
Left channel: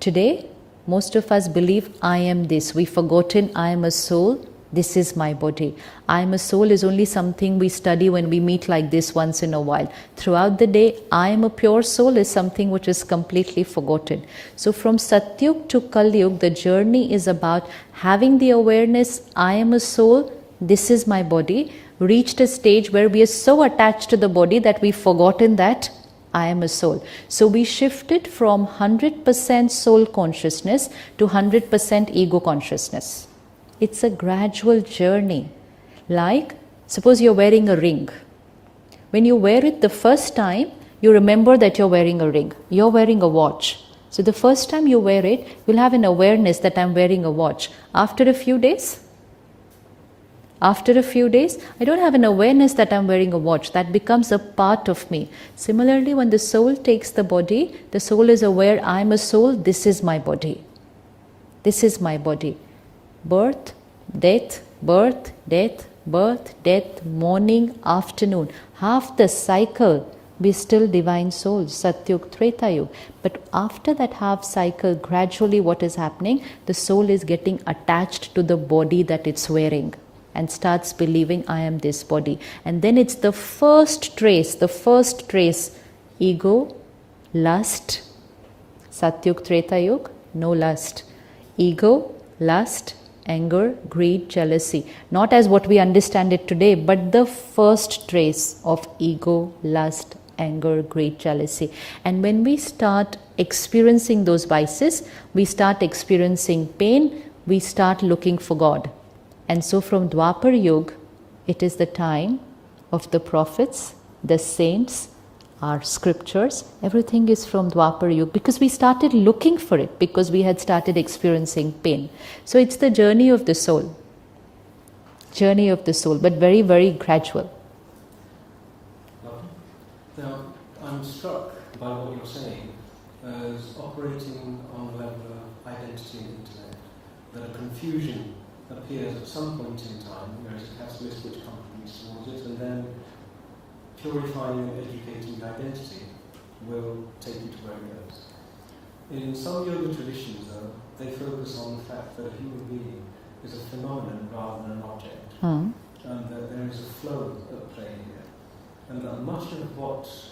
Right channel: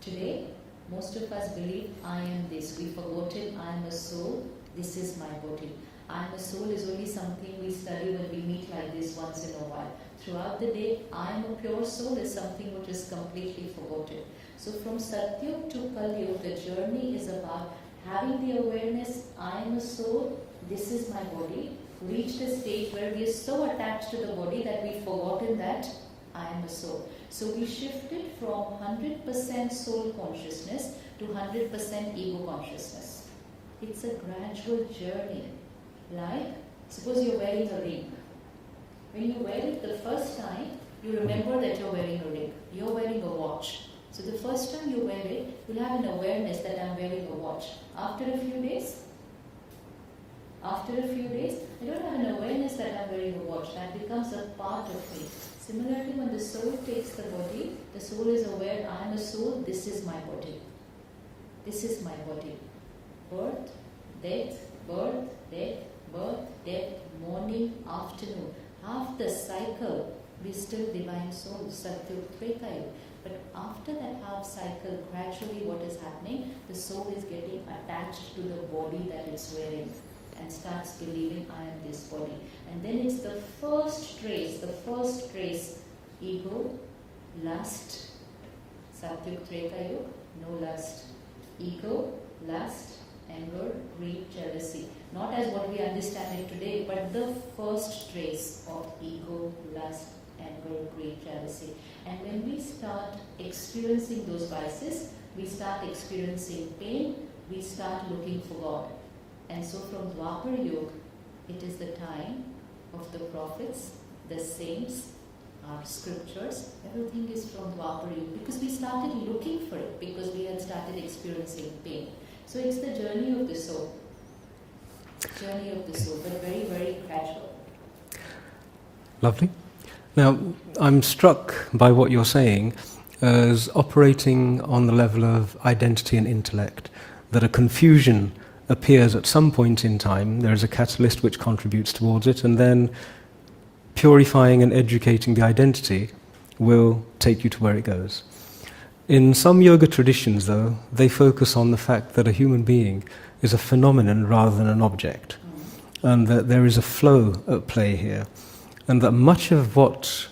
Today, most of us believe I am this. We've forgotten I am a soul, this is my body. I am a soul is only something we study when we meet like this once in a while. Throughout the day, I am a pure soul is something which is completely forgotten. So from Satyug to Kalyug, the journey is about having the awareness, I am a soul, this is my body, reached a stage where we are so attached to the body that we've forgotten that I am a soul. So we shifted from 100% soul consciousness to 100% ego consciousness. It's a gradual journey. Like, suppose you're wearing a ring. When you wear it the first time, you remember that you're wearing a ring. You're wearing a watch. So the first time you wear it, you'll have an awareness that I'm wearing a watch. After a few days, I don't have an awareness that I'm wearing a watch. That becomes a part of me. Similarly, when the soul takes the body, the soul is aware, I'm a soul, this is my body. This is my body. Birth, death, birth, death, birth, death, morning, afternoon. Half the cycle, we're still divine souls, Satyug, Tretayug. But after that half cycle, gradually what is happening? The soul is getting attached to the body that it's wearing and starts believing I am this body. And then it's the first trace, ego, lust, Satyug, Tretayug, no lust. Ego, lust, anger, greed, jealousy. Not as what we understand it today, but the first trace of ego, lust, anger, greed, jealousy. And when we start experiencing those vices, we start experiencing pain, we start looking for God. And so from Dwapar Yuga, it is the time of the prophets, the saints, our scriptures, everything is from Dwapar Yuga, because we started looking for it, because we had started experiencing pain. So it's the journey of the soul, but very, very gradual. Lovely. Now, I'm struck by what you're saying as operating on the level of identity and intellect, that a confusion appears at some point in time, there is a catalyst which contributes towards it, and then purifying and educating the identity will take you to where it goes. In some yoga traditions, though, they focus on the fact that a human being is a phenomenon rather than an object, and that there is a flow at play here, and that much of what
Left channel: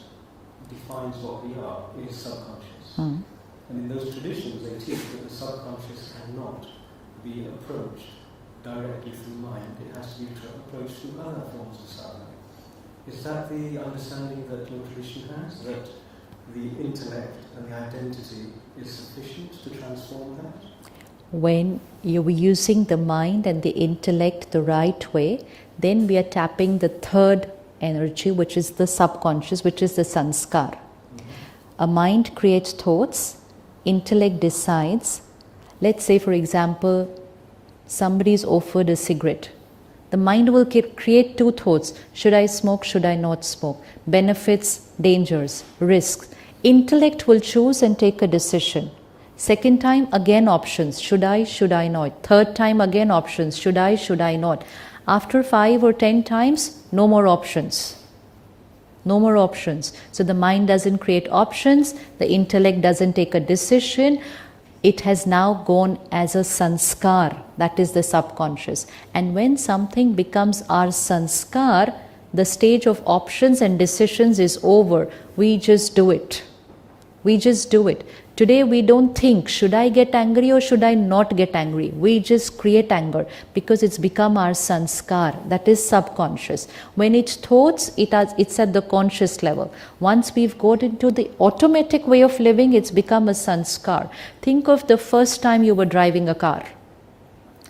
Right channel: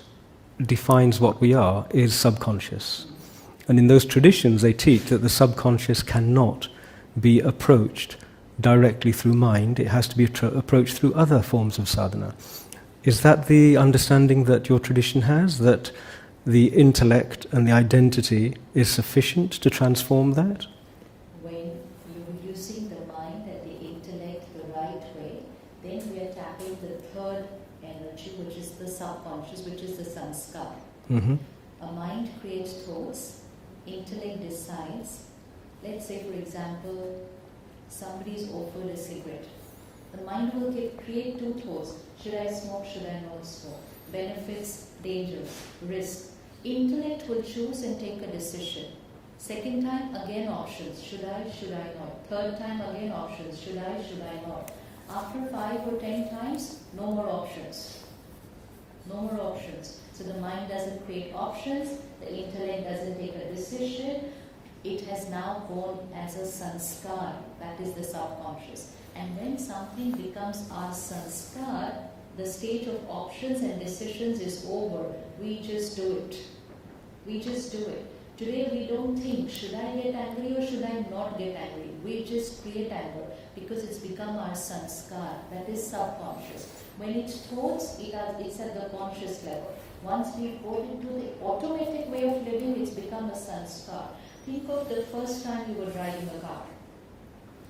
defines what we are is subconscious. And in those traditions, they teach that the subconscious cannot be approached directly through mind, it has to be approached through other forms of sadhana. Is that the understanding that your tradition has, that the intellect and the identity is sufficient to transform that? When you're using the mind and the intellect the right way, then we are tapping the third energy, which is the subconscious, which is the sanskar. A mind creates thoughts, intellect decides. Let's say, for example, somebody is offered a cigarette. The mind will create two thoughts. Should I smoke? Should I not smoke? Benefits, dangers, risks. Intellect will choose and take a decision. Second time, again options. Should I not? Third time, again options. Should I not? After 5 or 10 times, no more options. No more options. So the mind doesn't create options, the intellect doesn't take a decision. It has now gone as a sanskar, that is the subconscious. And when something becomes our sanskar, the stage of options and decisions is over. We just do it. We just do it. Today we don't think, should I get angry or should I not get angry? We just create anger because it's become our sanskar, that is subconscious. When it's thoughts, it's at the conscious level. Once we've got into the automatic way of living, it's become a sanskar. Think of the first time you were driving a car.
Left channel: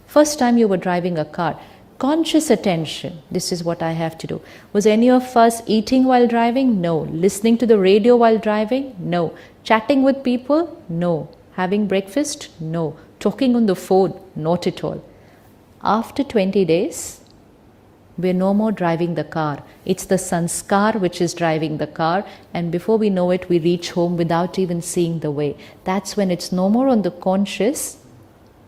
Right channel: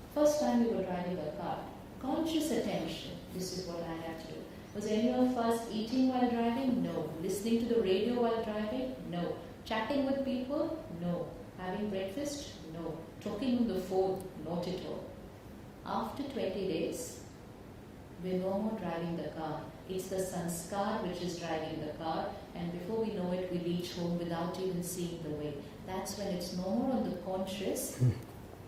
First time you were driving a car. Conscious attention, this is what I have to do. Was any of us eating while driving? No. Listening to the radio while driving? No. Chatting with people? No. Having breakfast? No. Talking on the phone? Not at all. After 20 days, we're no more driving the car. It's the sanskar which is driving the car, and before we know it, we reach home without even seeing the way. That's when it's no more on the conscious,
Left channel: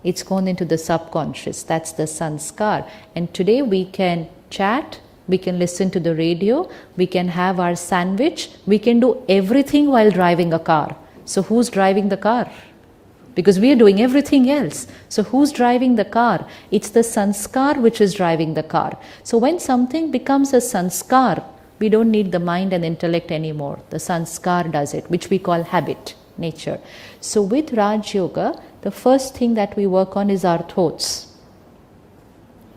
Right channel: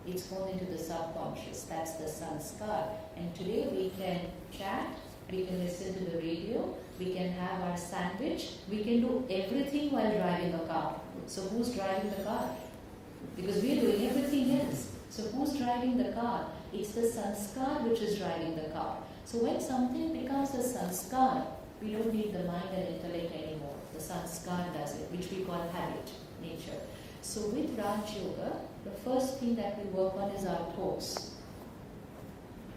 it's gone into the subconscious. That's the sanskar. And today we can chat, we can listen to the radio, we can have our sandwich, we can do everything while driving a car. So who's driving the car? Because we are doing everything else. So who's driving the car? It's the sanskar which is driving the car. So when something becomes a sanskar, we don't need the mind and intellect anymore. The sanskar does it, which we call habit, nature. So with Raj Yoga, the first thing that we work on is our thoughts.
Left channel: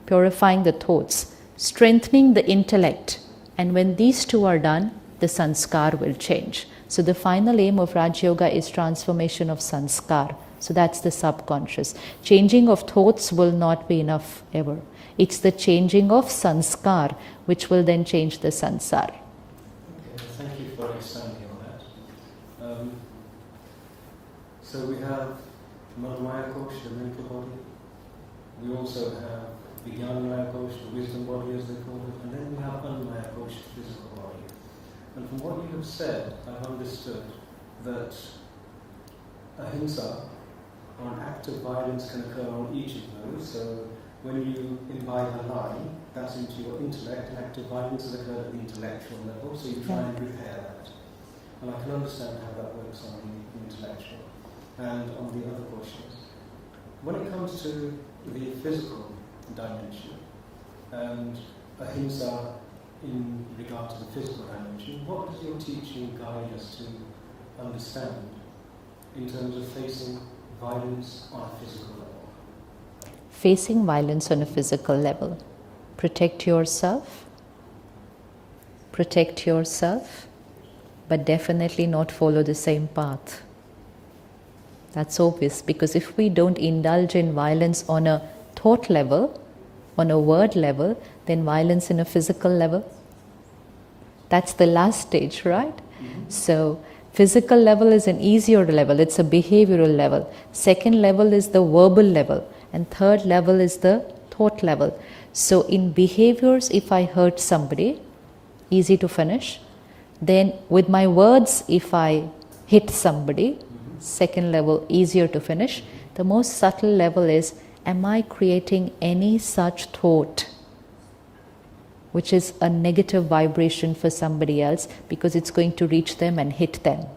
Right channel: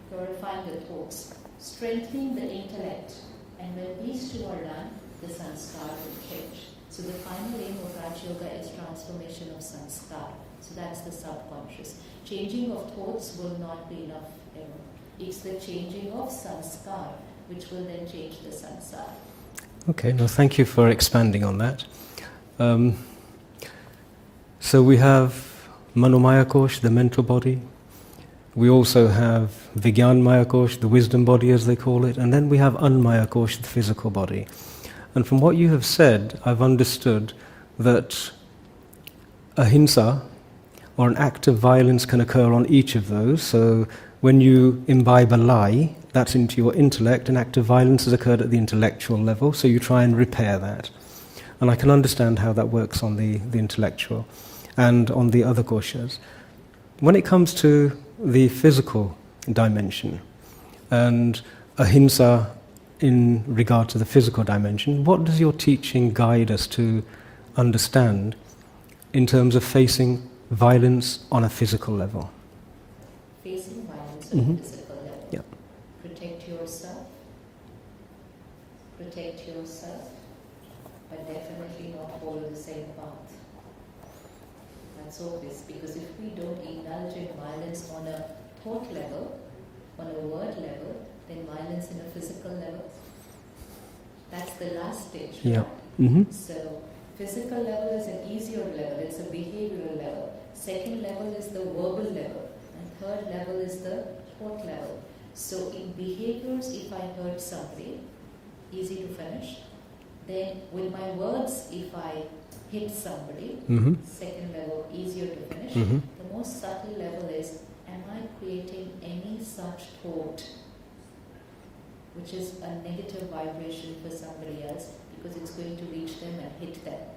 Purifying the thoughts, strengthening the intellect. And when these two are done, the sanskar will change. So the final aim of Raj Yoga is transformation of sanskar. So that's the subconscious. Changing of thoughts will not be enough ever. It's the changing of sanskar which will then change the sansar. Okay, well, thank you for expanding on that. So we have Manomaya Kosh, the mental body. We also have Vigyanmaya Kosh, the wisdom body as they call it. And then we have Anmaya Kosh, the physical body. And from what you have said, I've understood that ahimsa, or an act of violence, can occur on each of those. So when you imbibe a lie, that's into your intellect. An act of violence has occurred at the intellectual level, so you try and repair that. And I can understand how that works on the intellectual and on the other koshas. When it comes to the physical dimension and ahimsa in regard to the physical dimension, what does your teaching guide us to understand in terms of facing violence on a physical level? Facing violence on a physical level. Yeah. Protect yourself. Protect yourself. but definitely not follow the same path. That's obvious, because if we don't indulge in violence on a thought level, on a word level, then violence in a physical level, that's the last stage, right? So physical level is an easier level, it's a behavioral level. Second level is the verbal level, and third level is the thought level. So in behaviors, if I hurt somebody, easy to finish. Then with my words, if I hit somebody, second level, easier to finish. The most subtle level is, am I creating any such thought which is a negative vibration for somebody else, because it's going to reach them and hit them.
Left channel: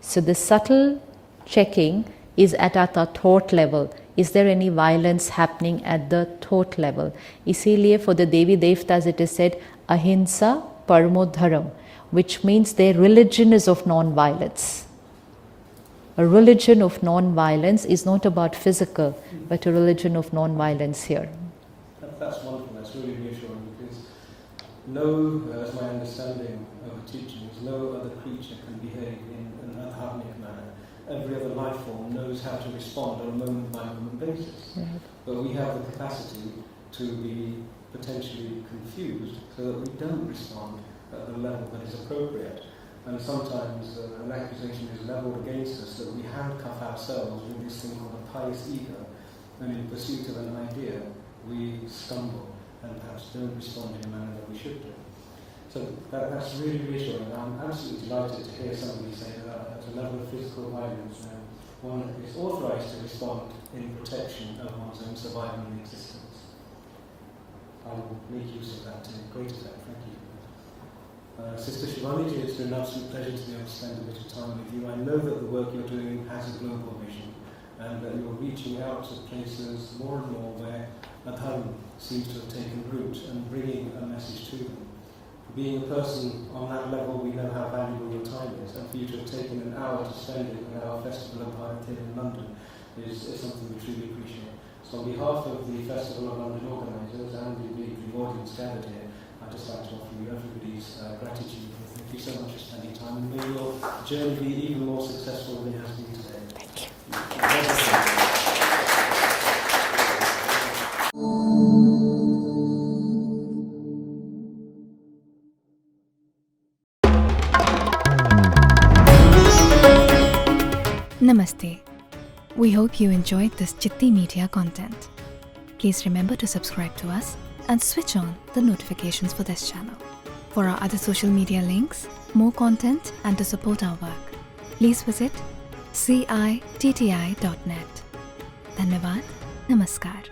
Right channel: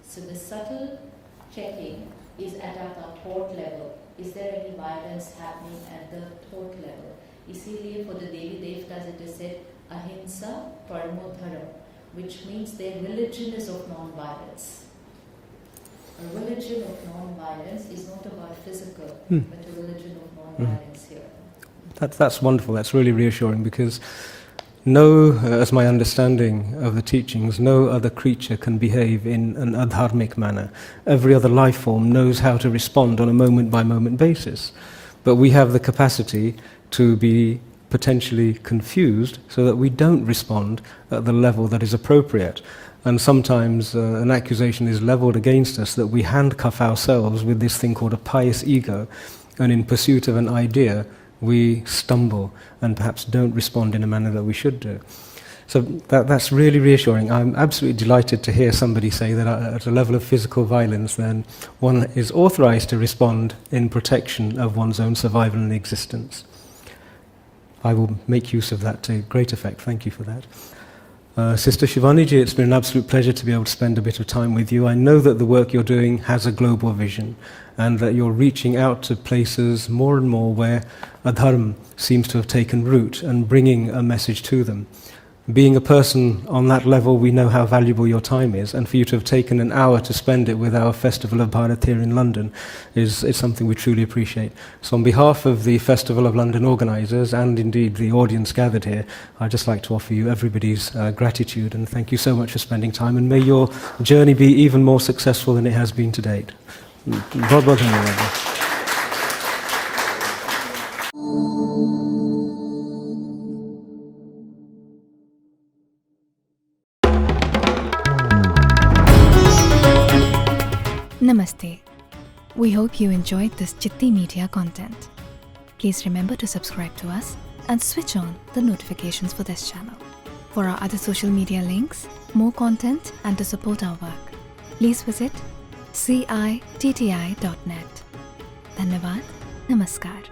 So the subtle checking is at the thought level. Is there any violence happening at the thought level? इसीलिए for the Devi Devtas it is said, ahimsa paramo dharam, which means their religion is of non-violence. A religion of non-violence is not about physical, but a religion of non-violence here. That's wonderful. That's really reassuring, because as my understanding of the teachings, no other creature can behave in an adharmic manner. Every other life form knows how to respond on a moment-by-moment basis. But we have the capacity to be potentially confused so that we don't respond at the level that is appropriate. And sometimes an accusation is leveled against us that we handcuff ourselves with this thing called a pious ego, and in pursuit of an idea, we stumble and perhaps don't respond in a manner that we should do. So that's really reassuring. I'm absolutely delighted to hear somebody say that at a level of physical violence, then one is authorized to respond in protection of one's own survival and existence. I will make use of that to great effect. Thank you for that. Sister Shivani ji, it's been an absolute pleasure to be able to spend a bit of time with you. I know that the work you're doing has a global vision, and that you're reaching out to places more and more where adharma seems to have taken root and bringing a message to them. Being a person on that level, we know how valuable your time is, and for you to have taken an hour to spend it with our Festival of Bharat here in London is something we truly appreciate. So on behalf of the Festival of London organisers, and indeed the audience gathered here, I'd just like to offer you everybody's gratitude, and thank you so much for spending time, and may your journey be even more successful than it has been to date. God bless you. Namaste. We hope you enjoyed this Chitti Media content. Please remember to subscribe to us and switch on the notifications for this channel. For our other social media links, more content, and to support our work, please visit citti.net. Dhanyavad. Namaskar.